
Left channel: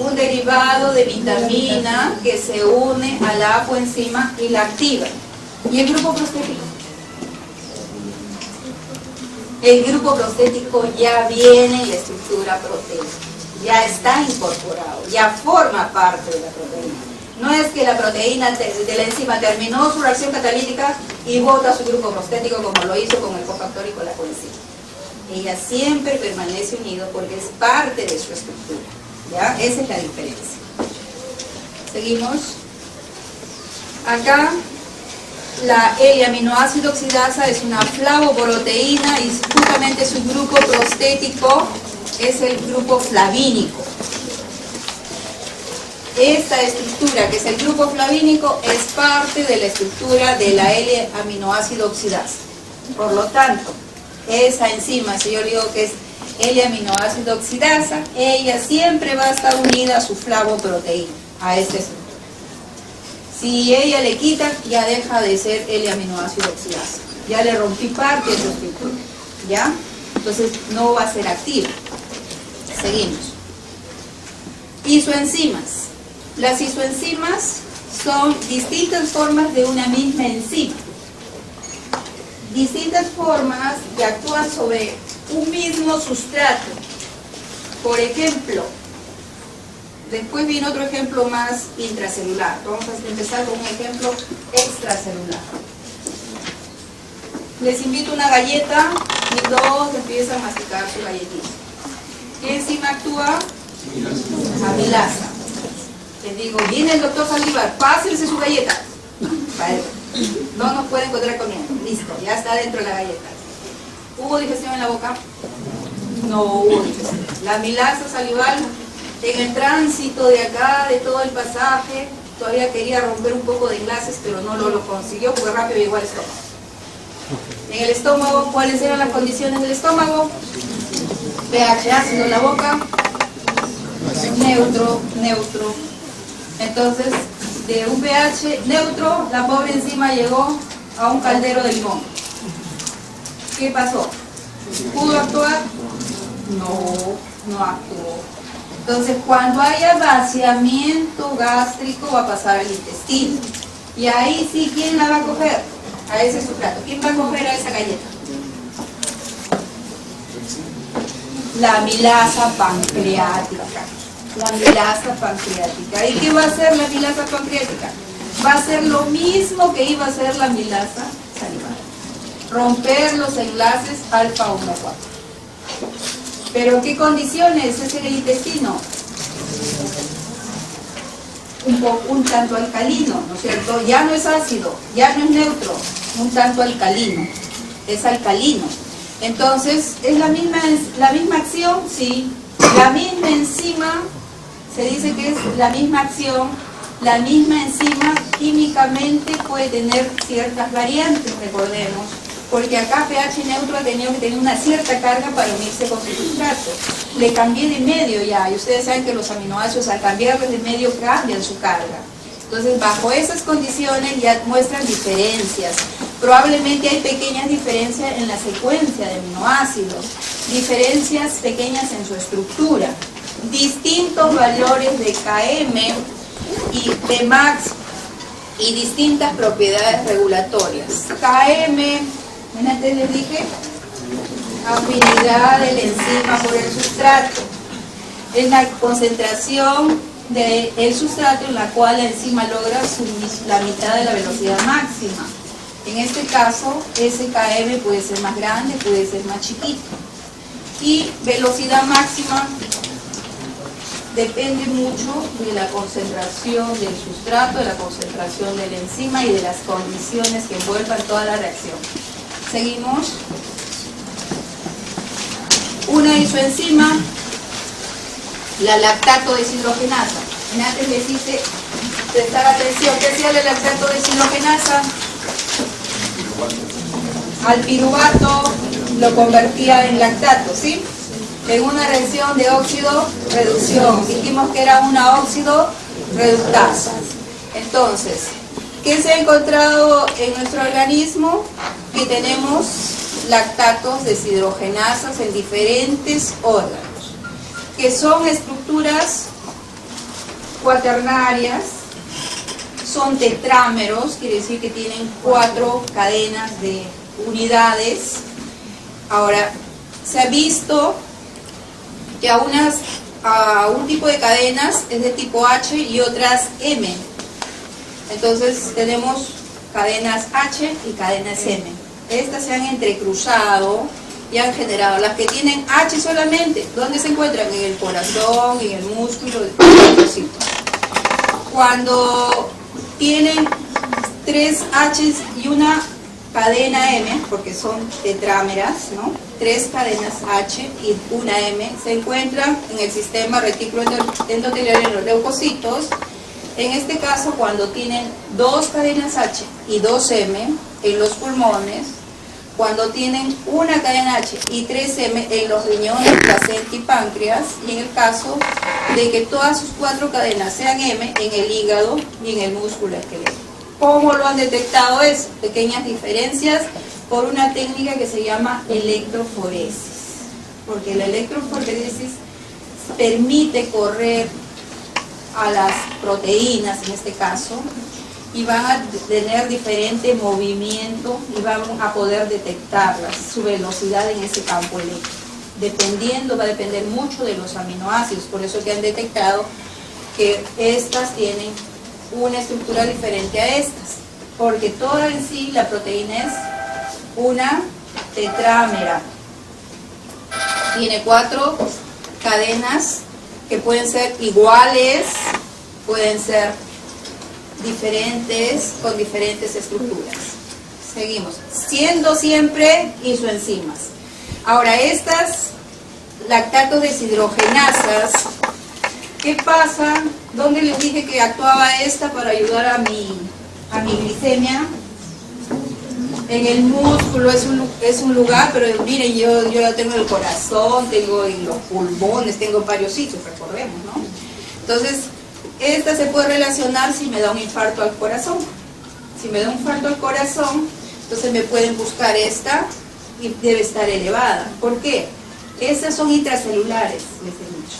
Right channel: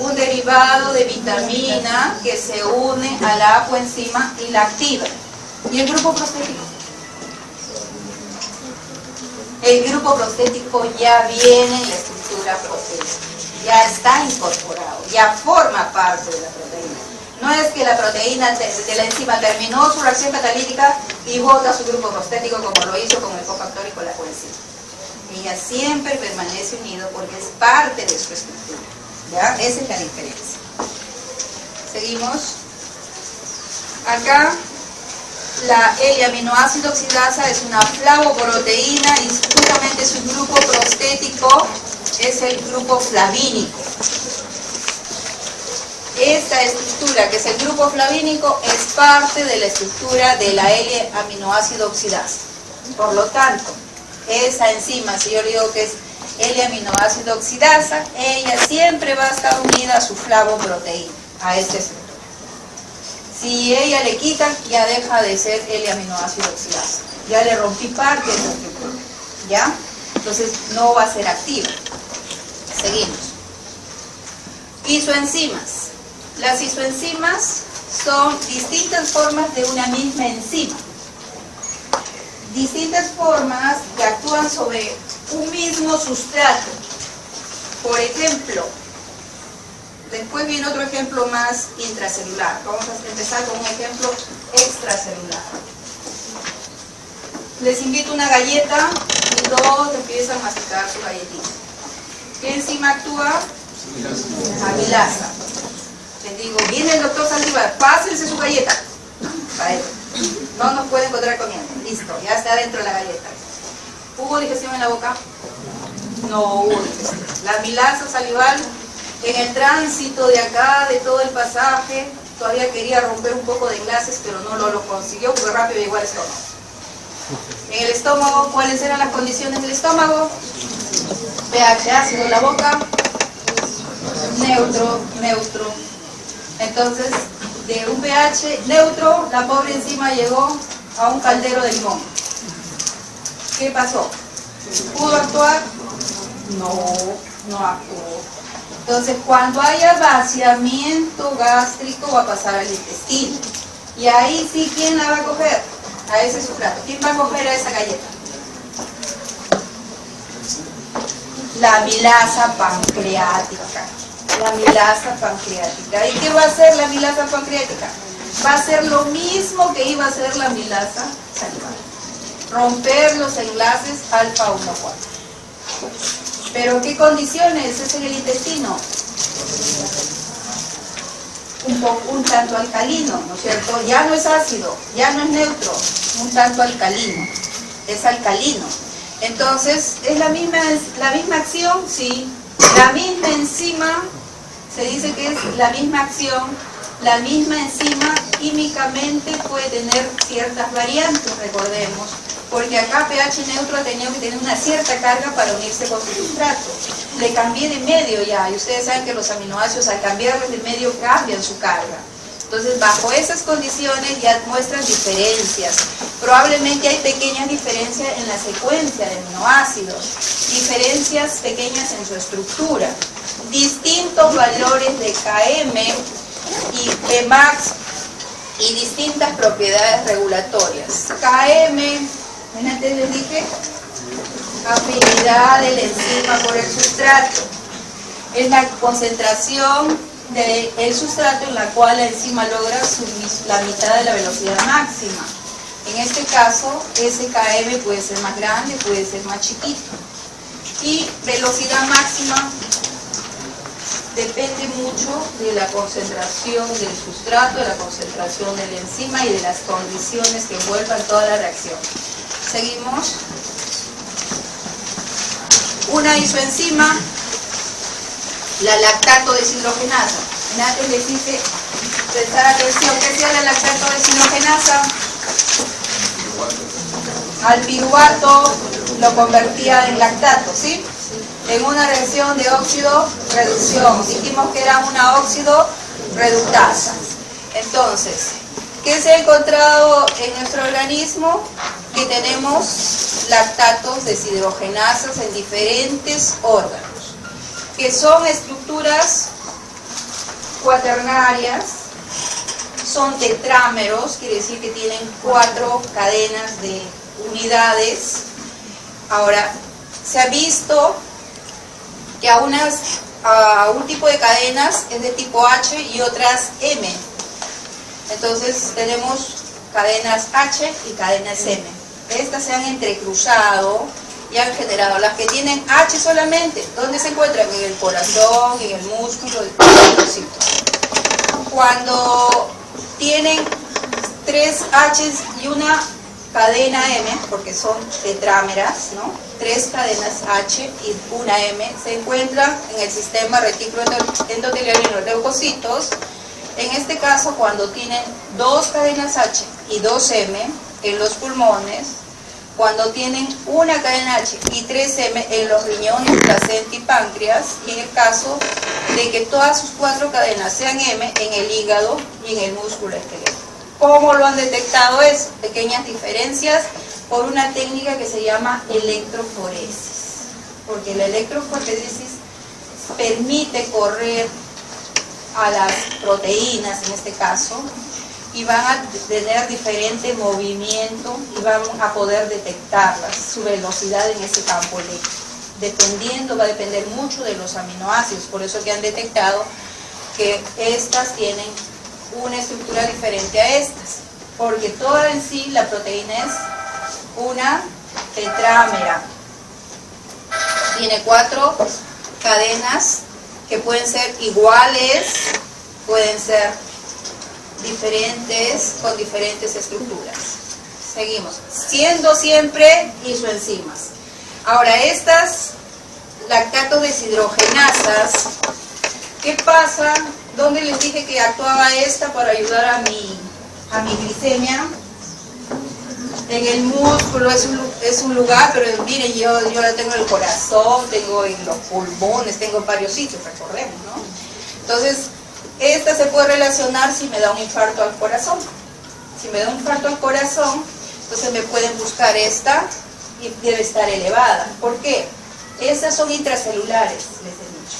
un derivado de vitamina que se une a la apoenzima y la activa. ¿Y el grupo prostético? El grupo prostético ya viene en la estructura proteica, ya está incorporado, ya forma parte de la proteína. No es que la proteína de la enzima terminó su reacción catalítica y bota su grupo prostético como lo hizo con el cofactor y con la coenzima. Ella siempre permanece unido porque es parte de su estructura. ¿Ya? Esa es la diferencia. Seguimos. Acá la L-aminoácido oxidasa es una flavoproteína y justamente su grupo prostético es el grupo flavínico. Esta estructura, que es el grupo flavínico, es parte de la estructura de la L-aminoácido oxidasa. Por lo tanto, esa enzima, si yo digo que es L-aminoácido oxidasa, ella siempre va a estar unida a su flavoproteína, a esta estructura. Si ella le quitan, ya deja de ser L-aminoácido oxidasa. Ya le rompí parte de su estructura. ¿Ya? Entonces no va a ser activa. Seguimos. Isoenzimas. Las isoenzimas son distintas formas de una misma enzima. Distintas formas que actúan sobre un mismo sustrato. Por ejemplo, después viene otro ejemplo más intracelular. Vamos a empezar con un ejemplo extracelular. Les invito una galleta y todos empiezan a masticar su galletita. ¿Qué enzima actúa? Amilasa. Les digo, viene el doctor Saldívar, pásense su galleta. No nos puede encontrar comiendo. Listo, ya está dentro de la galleta. ¿Hubo digestión en la boca? No hubo digestión. La amilasa salival, en el tránsito de acá, de todo el pasaje, todavía quería romper un poco de enlaces, pero no lo consiguió porque rápido llegó al estómago. En el estómago, ¿cuáles eran las condiciones del estómago? pH ácido en la boca, neutro. Entonces, de un pH neutro, la pobre enzima llegó a un caldero de limón. ¿Qué pasó? ¿Pudo actuar? No actuó. Entonces, cuando haya vaciamiento gástrico, va a pasar al intestino. Y ahí sí, ¿quién la va a coger? A ese sustrato. ¿Quién va a coger a esa galleta? La amilasa pancreática. La amilasa pancreática. ¿Y qué va a hacer la amilasa pancreática? Va a hacer lo mismo que iba a hacer la amilasa salival. Romper los enlaces alfa 1,4. ¿Pero qué condiciones es en el intestino? Un tanto alcalino, ¿no es cierto? Ya no es ácido, ya no es neutro, un tanto alcalino. Es alcalino. Entonces, ¿es la misma acción? Sí. La misma enzima, se dice que es la misma acción, la misma enzima químicamente puede tener ciertas variantes, recordemos, porque acá pH neutro ha tenido que tener una cierta carga para unirse con su sustrato. Le cambié de medio ya, y ustedes saben que los aminoácidos al cambiarlos de medio cambian su carga. Entonces, bajo esas condiciones ya muestran diferencias. Probablemente hay pequeñas diferencias en la secuencia de aminoácidos, diferencias pequeñas en su estructura, distintos valores de Km y de Max y distintas propiedades regulatorias. Km, antes les dije, afinidad de la enzima por el sustrato. Es la concentración del sustrato en la cual la enzima logra la mitad de la velocidad máxima. En este caso, ese Km puede ser más grande, puede ser más chiquito. Y velocidad máxima depende mucho de la concentración del sustrato, de la concentración de la enzima y de las condiciones que envuelvan toda la reacción. Seguimos. Una isoenzima, la lactato deshidrogenasa. Antes les dice prestar atención. ¿Qué hacía la lactato deshidrogenasa? Al piruvato lo convertía en lactato, ¿sí? En una reacción de óxido-reducción. Dijimos que era una óxido-reductasa. Entonces, ¿qué se ha encontrado en nuestro organismo? Que tenemos lactatos deshidrogenasas en diferentes órganos, que son estructuras cuaternarias, son tetrámeros, quiere decir que tienen 4 cadenas de unidades. Ahora, se ha visto que a un tipo de cadenas es de tipo H y otras M. Entonces tenemos cadenas H y cadenas M. Estas se han entrecruzado y han generado las que tienen H solamente. ¿Dónde se encuentran? En el corazón, en el músculo, cuando tienen 3 H's y una cadena M, porque son tetrámeras, ¿no? 3 cadenas H y una M, se encuentran en el sistema retículo endotelial en los leucocitos. En este caso, cuando tienen 2 cadenas H y 2 M en los pulmones, cuando tienen una cadena H y 3 M en los riñones, placenta y páncreas, y en el caso de que todas sus 4 cadenas sean M en el hígado y en el músculo esquelético. ¿Cómo lo han detectado? Es pequeñas diferencias por una técnica que se llama electroforesis, porque la electroforesis permite correr a las proteínas, en este caso, y van a tener diferente movimiento y van a poder detectarlas, su velocidad en ese campo eléctrico. Va a depender mucho de los aminoácidos, por eso que han detectado que estas tienen una estructura diferente a estas, porque toda en sí la proteína es una tetrámera. Tiene 4 cadenas que pueden ser iguales, pueden ser diferentes, con diferentes estructuras. Seguimos, siendo siempre isoenzimas. Ahora estas lactato deshidrogenasas, ¿qué pasa? ¿Dónde les dije que actuaba esta para ayudar a mi glicemia? En el músculo es un lugar, pero miren, yo la tengo en el corazón, tengo en los pulmones, tengo en varios sitios, recordemos, ¿no? Entonces, esta se puede relacionar si me da un infarto al corazón. Si me da un infarto al corazón, entonces me pueden buscar esta y debe estar elevada. ¿Por qué? Estas son intracelulares, les he dicho.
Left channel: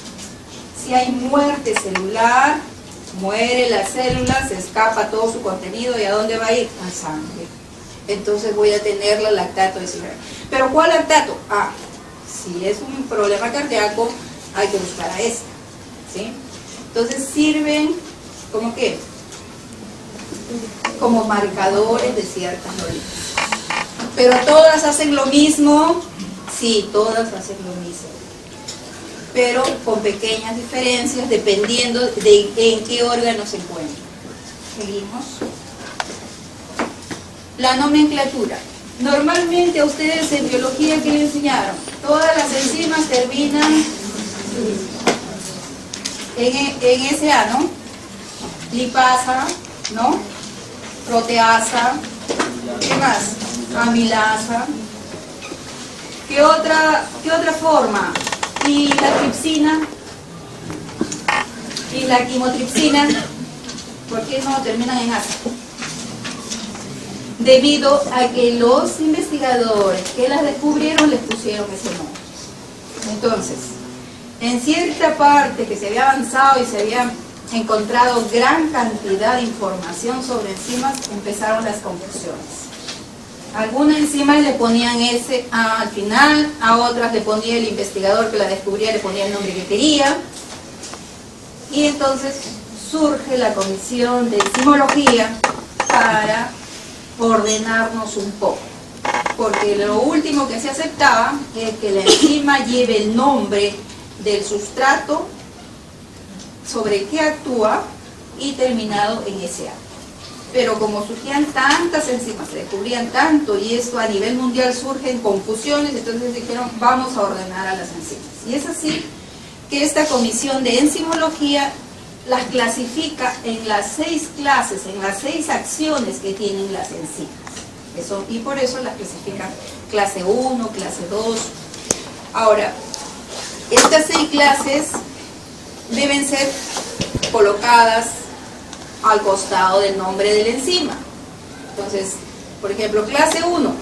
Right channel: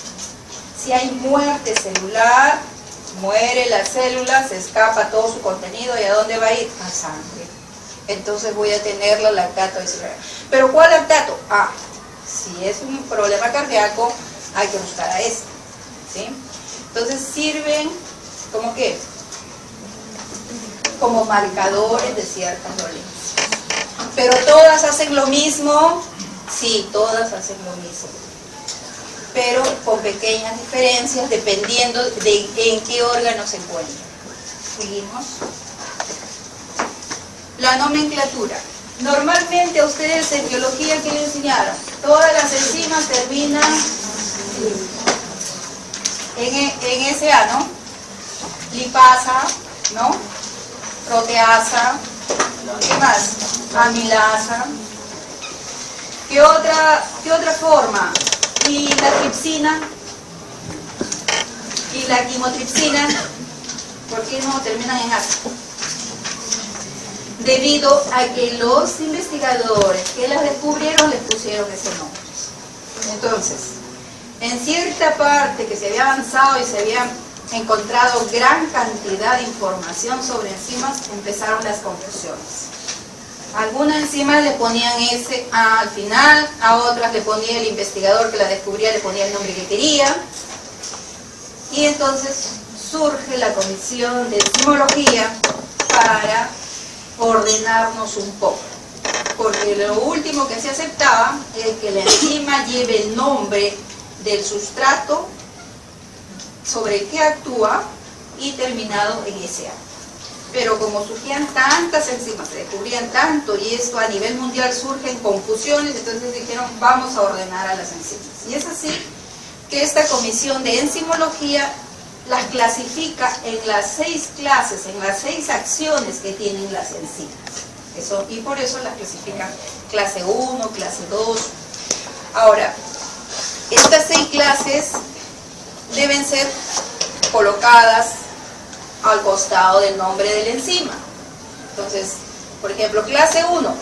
Si hay muerte celular, muere la célula, se escapa todo su contenido, ¿y a dónde va a ir? A sangre. Entonces voy a tener los lactato deshidrogenados. ¿Pero cuál lactato? Si es un problema cardíaco, hay que buscar a este, ¿sí? Entonces sirven, ¿como qué? Como marcadores de ciertas dolencias. ¿Pero todas hacen lo mismo? Sí, todas hacen lo mismo, pero con pequeñas diferencias dependiendo de en qué órgano se encuentra. Seguimos. La nomenclatura. Normalmente a ustedes en biología, ¿qué les enseñaron? Todas las enzimas terminan en SA, ¿no? Lipasa, ¿no? Proteasa, ¿qué más? Amilasa. ¿Qué otra forma? Y la tripsina y la quimotripsina, ¿por qué no terminan en asa? Debido a que los investigadores que las descubrieron les pusieron ese nombre. Entonces, en cierta parte que se había avanzado y se había encontrado gran cantidad de información sobre enzimas, empezaron las confusiones. Algunas enzimas le ponían ese al final, a otras le ponía el investigador que la descubría, le ponía el nombre que quería. Y entonces surge la comisión de enzimología para ordenarnos un poco. Porque lo último que se aceptaba es que la enzima lleve el nombre del sustrato sobre el que actúa y terminado en SA. Pero como surgían tantas enzimas, se descubrían tanto y esto a nivel mundial surgen confusiones, entonces dijeron vamos a ordenar a las enzimas. Y es así que esta comisión de enzimología las clasifica en las 6 clases, en las 6 acciones que tienen las enzimas. Y por eso las clasifican clase 1, clase 2. Ahora, estas 6 clases deben ser colocadas al costado del nombre de la enzima. Entonces, por ejemplo, clase 1,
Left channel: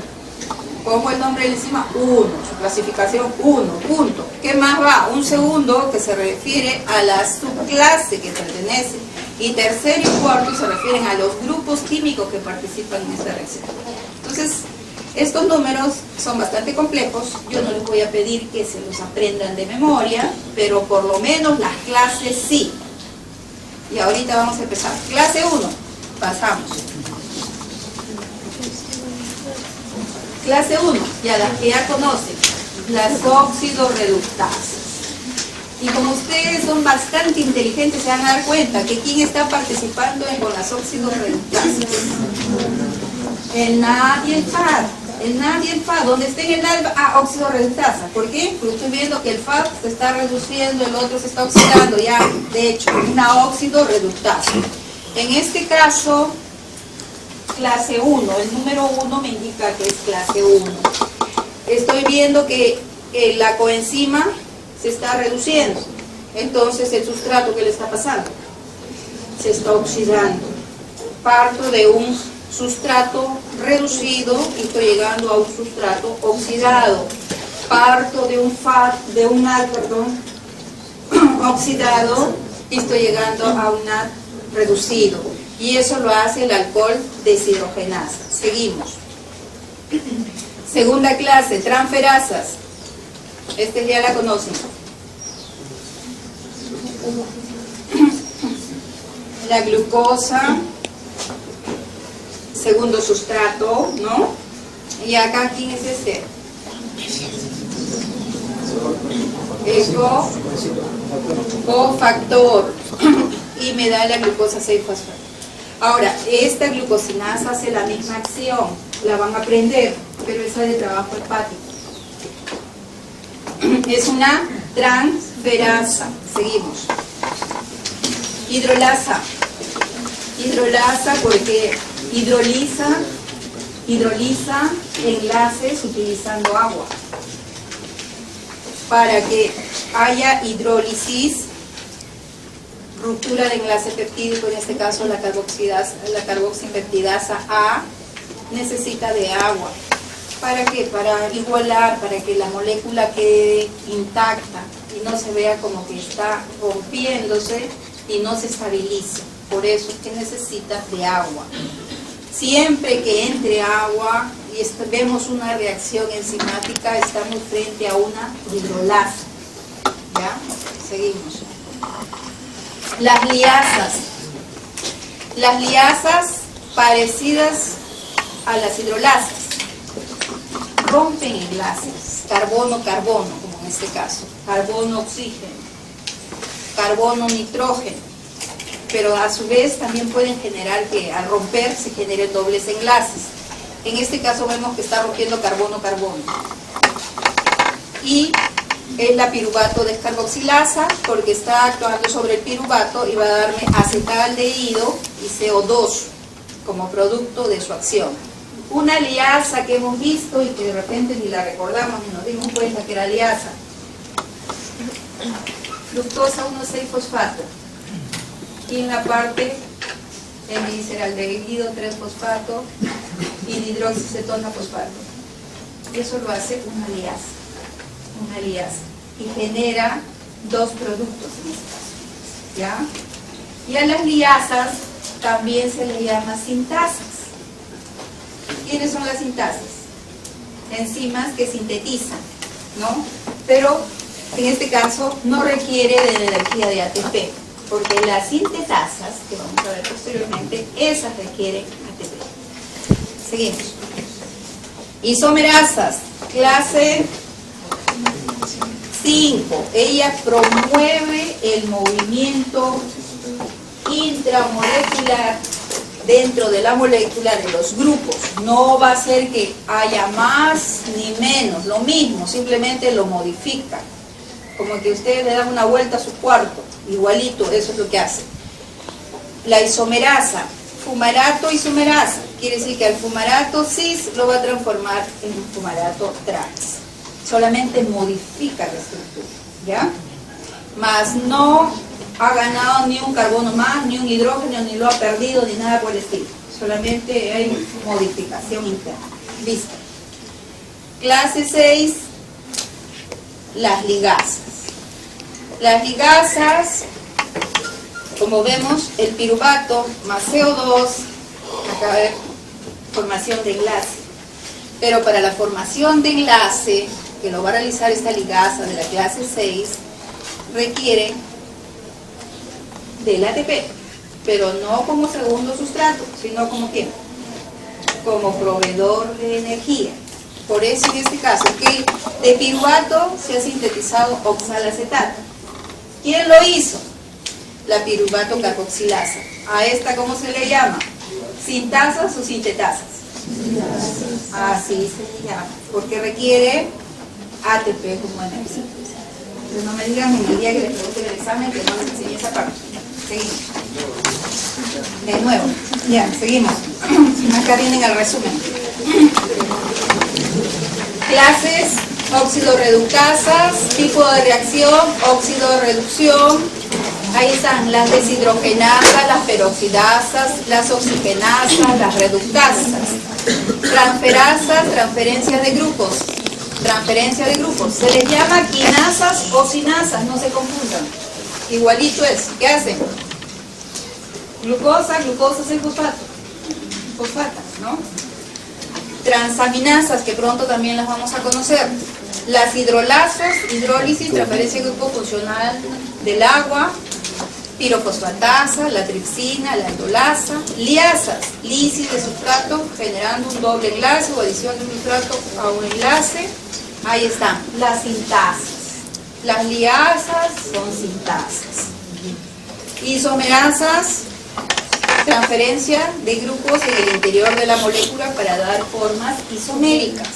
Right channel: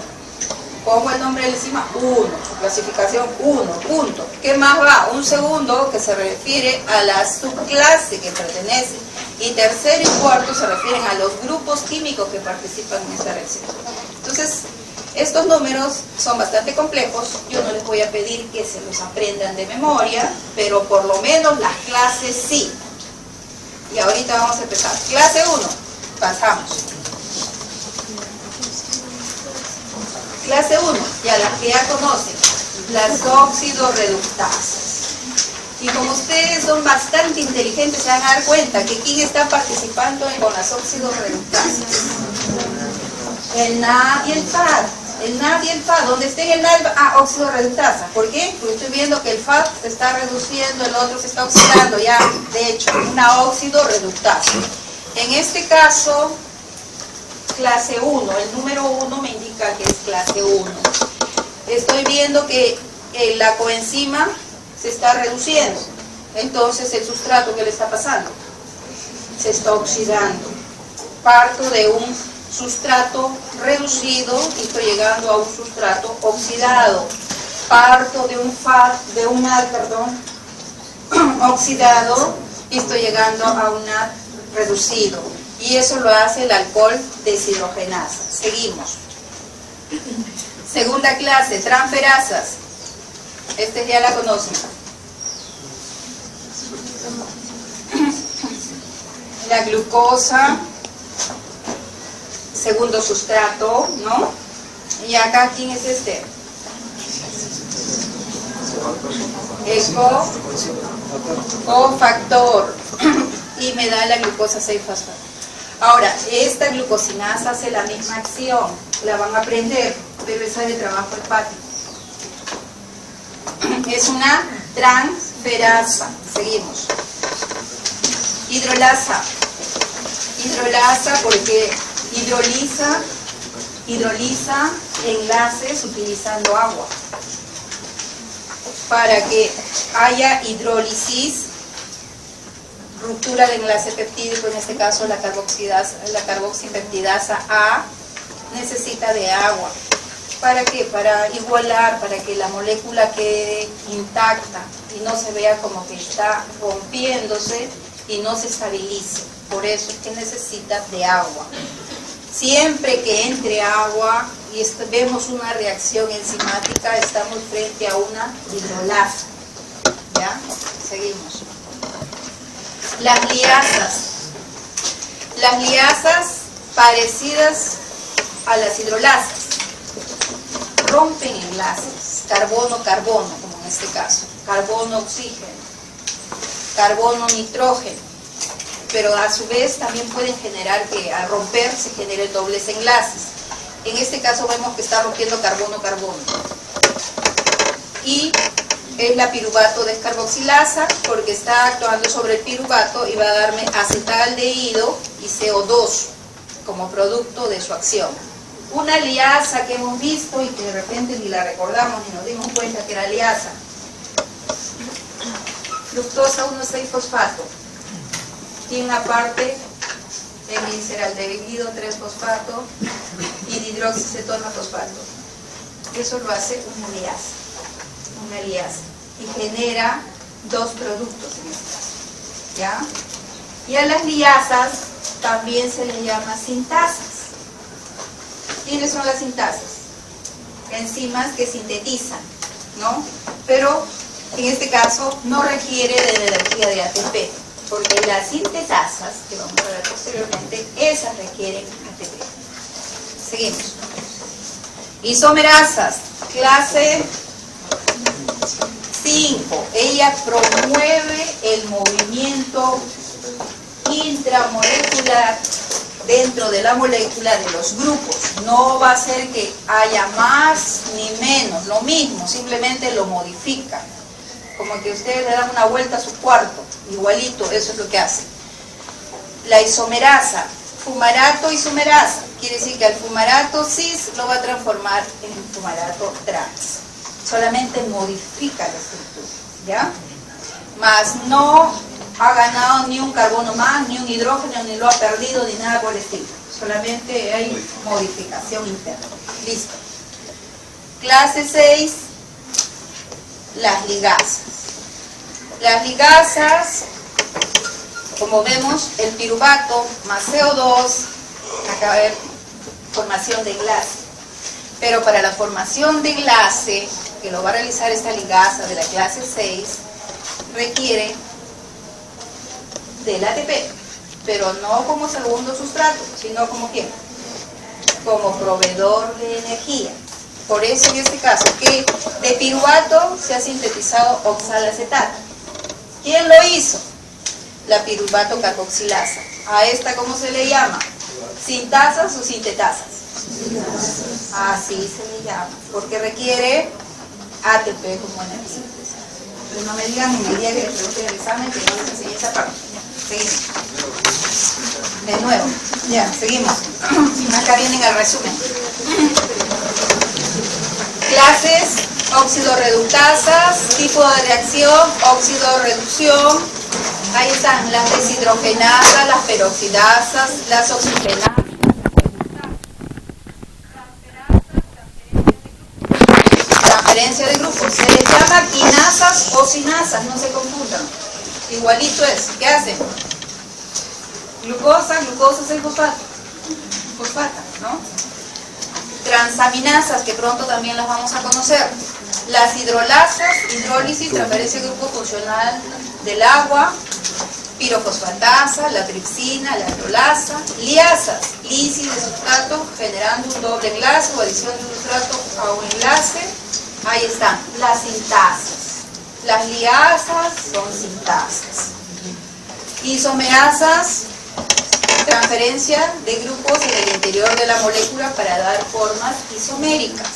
pongo el nombre de la enzima 1, clasificación 1, punto. ¿Qué más va? Un segundo que se refiere a la subclase que pertenece. Y tercero y cuarto se refieren a los grupos químicos que participan en esta reacción. Entonces, estos números son bastante complejos. Yo no les voy a pedir que se los aprendan de memoria, pero por lo menos las clases sí. Y ahorita vamos a empezar. Clase 1, pasamos. Clase 1, ya las que ya conocen, las óxido-reductasas. Y como ustedes son bastante inteligentes, se van a dar cuenta que ¿quién está participando con las óxido-reductasas? El NAD y el FAD. El NAD y el FAD, donde esté el NAD, óxido-reductasa. ¿Por qué? Porque estoy viendo que el FAD se está reduciendo, el otro se está oxidando, ya, de hecho, una óxido-reductasa. En este caso, clase 1, el número 1 me indica que es clase 1. Estoy viendo que la coenzima se está reduciendo. Entonces, ¿el sustrato qué le está pasando? Se está oxidando. Parto de un sustrato reducido y estoy llegando a un sustrato oxidado. Parto de un oxidado y estoy llegando a un NAD reducido. Y eso lo hace el alcohol deshidrogenasa. Seguimos. Segunda clase, transferasas. Ya la conocen. La glucosa, segundo sustrato, ¿no? Y acá, ¿quién es este? El cofactor. Y me da la glucosa 6-fosfato. Ahora, esta glucosinasa hace la misma acción, la van a aprender, pero esa es de trabajo hepático. Es una transferasa. Seguimos. Hidrolasa. Hidrolasa porque hidroliza enlaces utilizando agua. Para que haya hidrólisis, ruptura de enlace peptídico, en este caso la carboxipeptidasa A, necesita de agua. ¿Para qué? Para igualar, para que la molécula quede intacta y no se vea como que está rompiéndose y no se estabilice. Por eso es que necesita de agua. Siempre que entre agua y vemos una reacción enzimática, estamos frente a una hidrolasa. ¿Ya? Seguimos. Las liasas. Las liasas parecidas a las hidrolasas rompen enlaces, carbono-carbono, como en este caso, carbono-oxígeno, carbono-nitrógeno, pero a su vez también pueden generar que al romper se generen dobles enlaces. En este caso vemos que está rompiendo carbono-carbono. Y es la piruvato descarboxilasa porque está actuando sobre el piruvato y va a darme acetaldehído y CO2 como producto de su acción. Una liasa que hemos visto y que de repente ni la recordamos ni nos dimos cuenta que era liasa. Fructosa 1,6-fosfato. ¿Quién aparte? Gliceraldehído 3-fosfato y dihidroxicetona-fosfato. Eso lo hace una liasa. Una liasa. Y genera dos productos en este caso. ¿Ya? Y a las liasas también se les llama sintasas. ¿Quiénes son las sintasas? Enzimas que sintetizan, ¿no? Pero en este caso no requiere de la energía de ATP, porque las sintetasas, que vamos a ver posteriormente, esas requieren ATP. Seguimos. Isomerasas, clase 5. Ella promueve el movimiento intramolecular dentro de la molécula de los grupos. No va a ser que haya más ni menos, lo mismo, simplemente lo modifica. Como que ustedes le dan una vuelta a su cuarto, igualito, eso es lo que hace. La isomerasa, fumarato isomerasa, quiere decir que al fumarato cis lo va a transformar en fumarato trans. Solamente modifica la estructura, ¿ya? Más no ha ganado ni un carbono más, ni un hidrógeno, ni lo ha perdido, ni nada por el estilo. Solamente hay modificación interna. Listo. Clase 6, las ligasas. Las ligasas Como vemos, el piruvato más CO2 acaba de formación de enlace. Pero para la formación de enlace, que lo va a realizar esta ligasa de la clase 6, requiere del ATP, pero no como segundo sustrato, sino como ¿qué? Como proveedor de energía. Por eso en este caso, que de piruvato se ha sintetizado oxalacetato. ¿Quién lo hizo? La piruvato carboxilasa. ¿A esta cómo se le llama? ¿Sintasas o sintetasas? Así se le llama, porque requiere ATP como energía. Entonces no me digan ni el día que les pregunte el examen que no les enseñé esa parte. Seguimos. De nuevo, ya, seguimos. Acá vienen el resumen. Clases, óxido-reductasas, tipo de reacción, óxido-reducción. Ahí están las deshidrogenasas, las peroxidasas, las oxigenasas, las reductasas. Transferasas, transferencias de grupos. Transferencia de grupos. Se les llama quinasas o sinasas, no se confundan. Igualito es. ¿Qué hacen? Glucosa, glucosa es el fosfato. Fosfatas, ¿no? Transaminasas, que pronto también las vamos a conocer. Las hidrolasas, hidrólisis, transferencia de grupo funcional del agua. Pirofosfatasa, la tripsina, la enolasa. Liasas, lisis de sustrato, generando un doble enlace o adición de un sustrato a un enlace. Ahí están, las sintasas. Las liasas son sintasas. Isomerasas, transferencia de grupos en el interior de la molécula para dar formas isoméricas.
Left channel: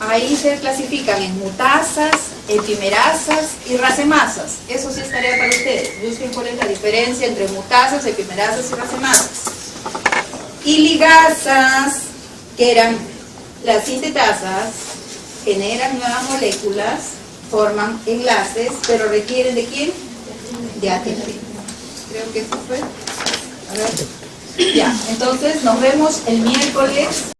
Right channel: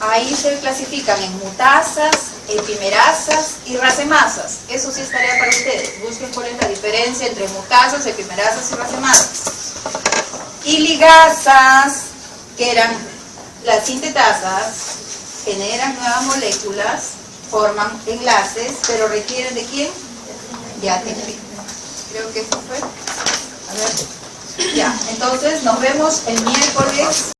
Ahí se clasifican en mutasas, epimerasas y racemasas. Eso sí es tarea para ustedes. Busquen cuál es la diferencia entre mutasas, epimerasas y racemasas. Y ligasas, que eran las sintetasas, generan nuevas moléculas, forman enlaces, pero requieren ¿de quién? De ATP. Creo que eso fue. A ver. Ya, entonces nos vemos el miércoles.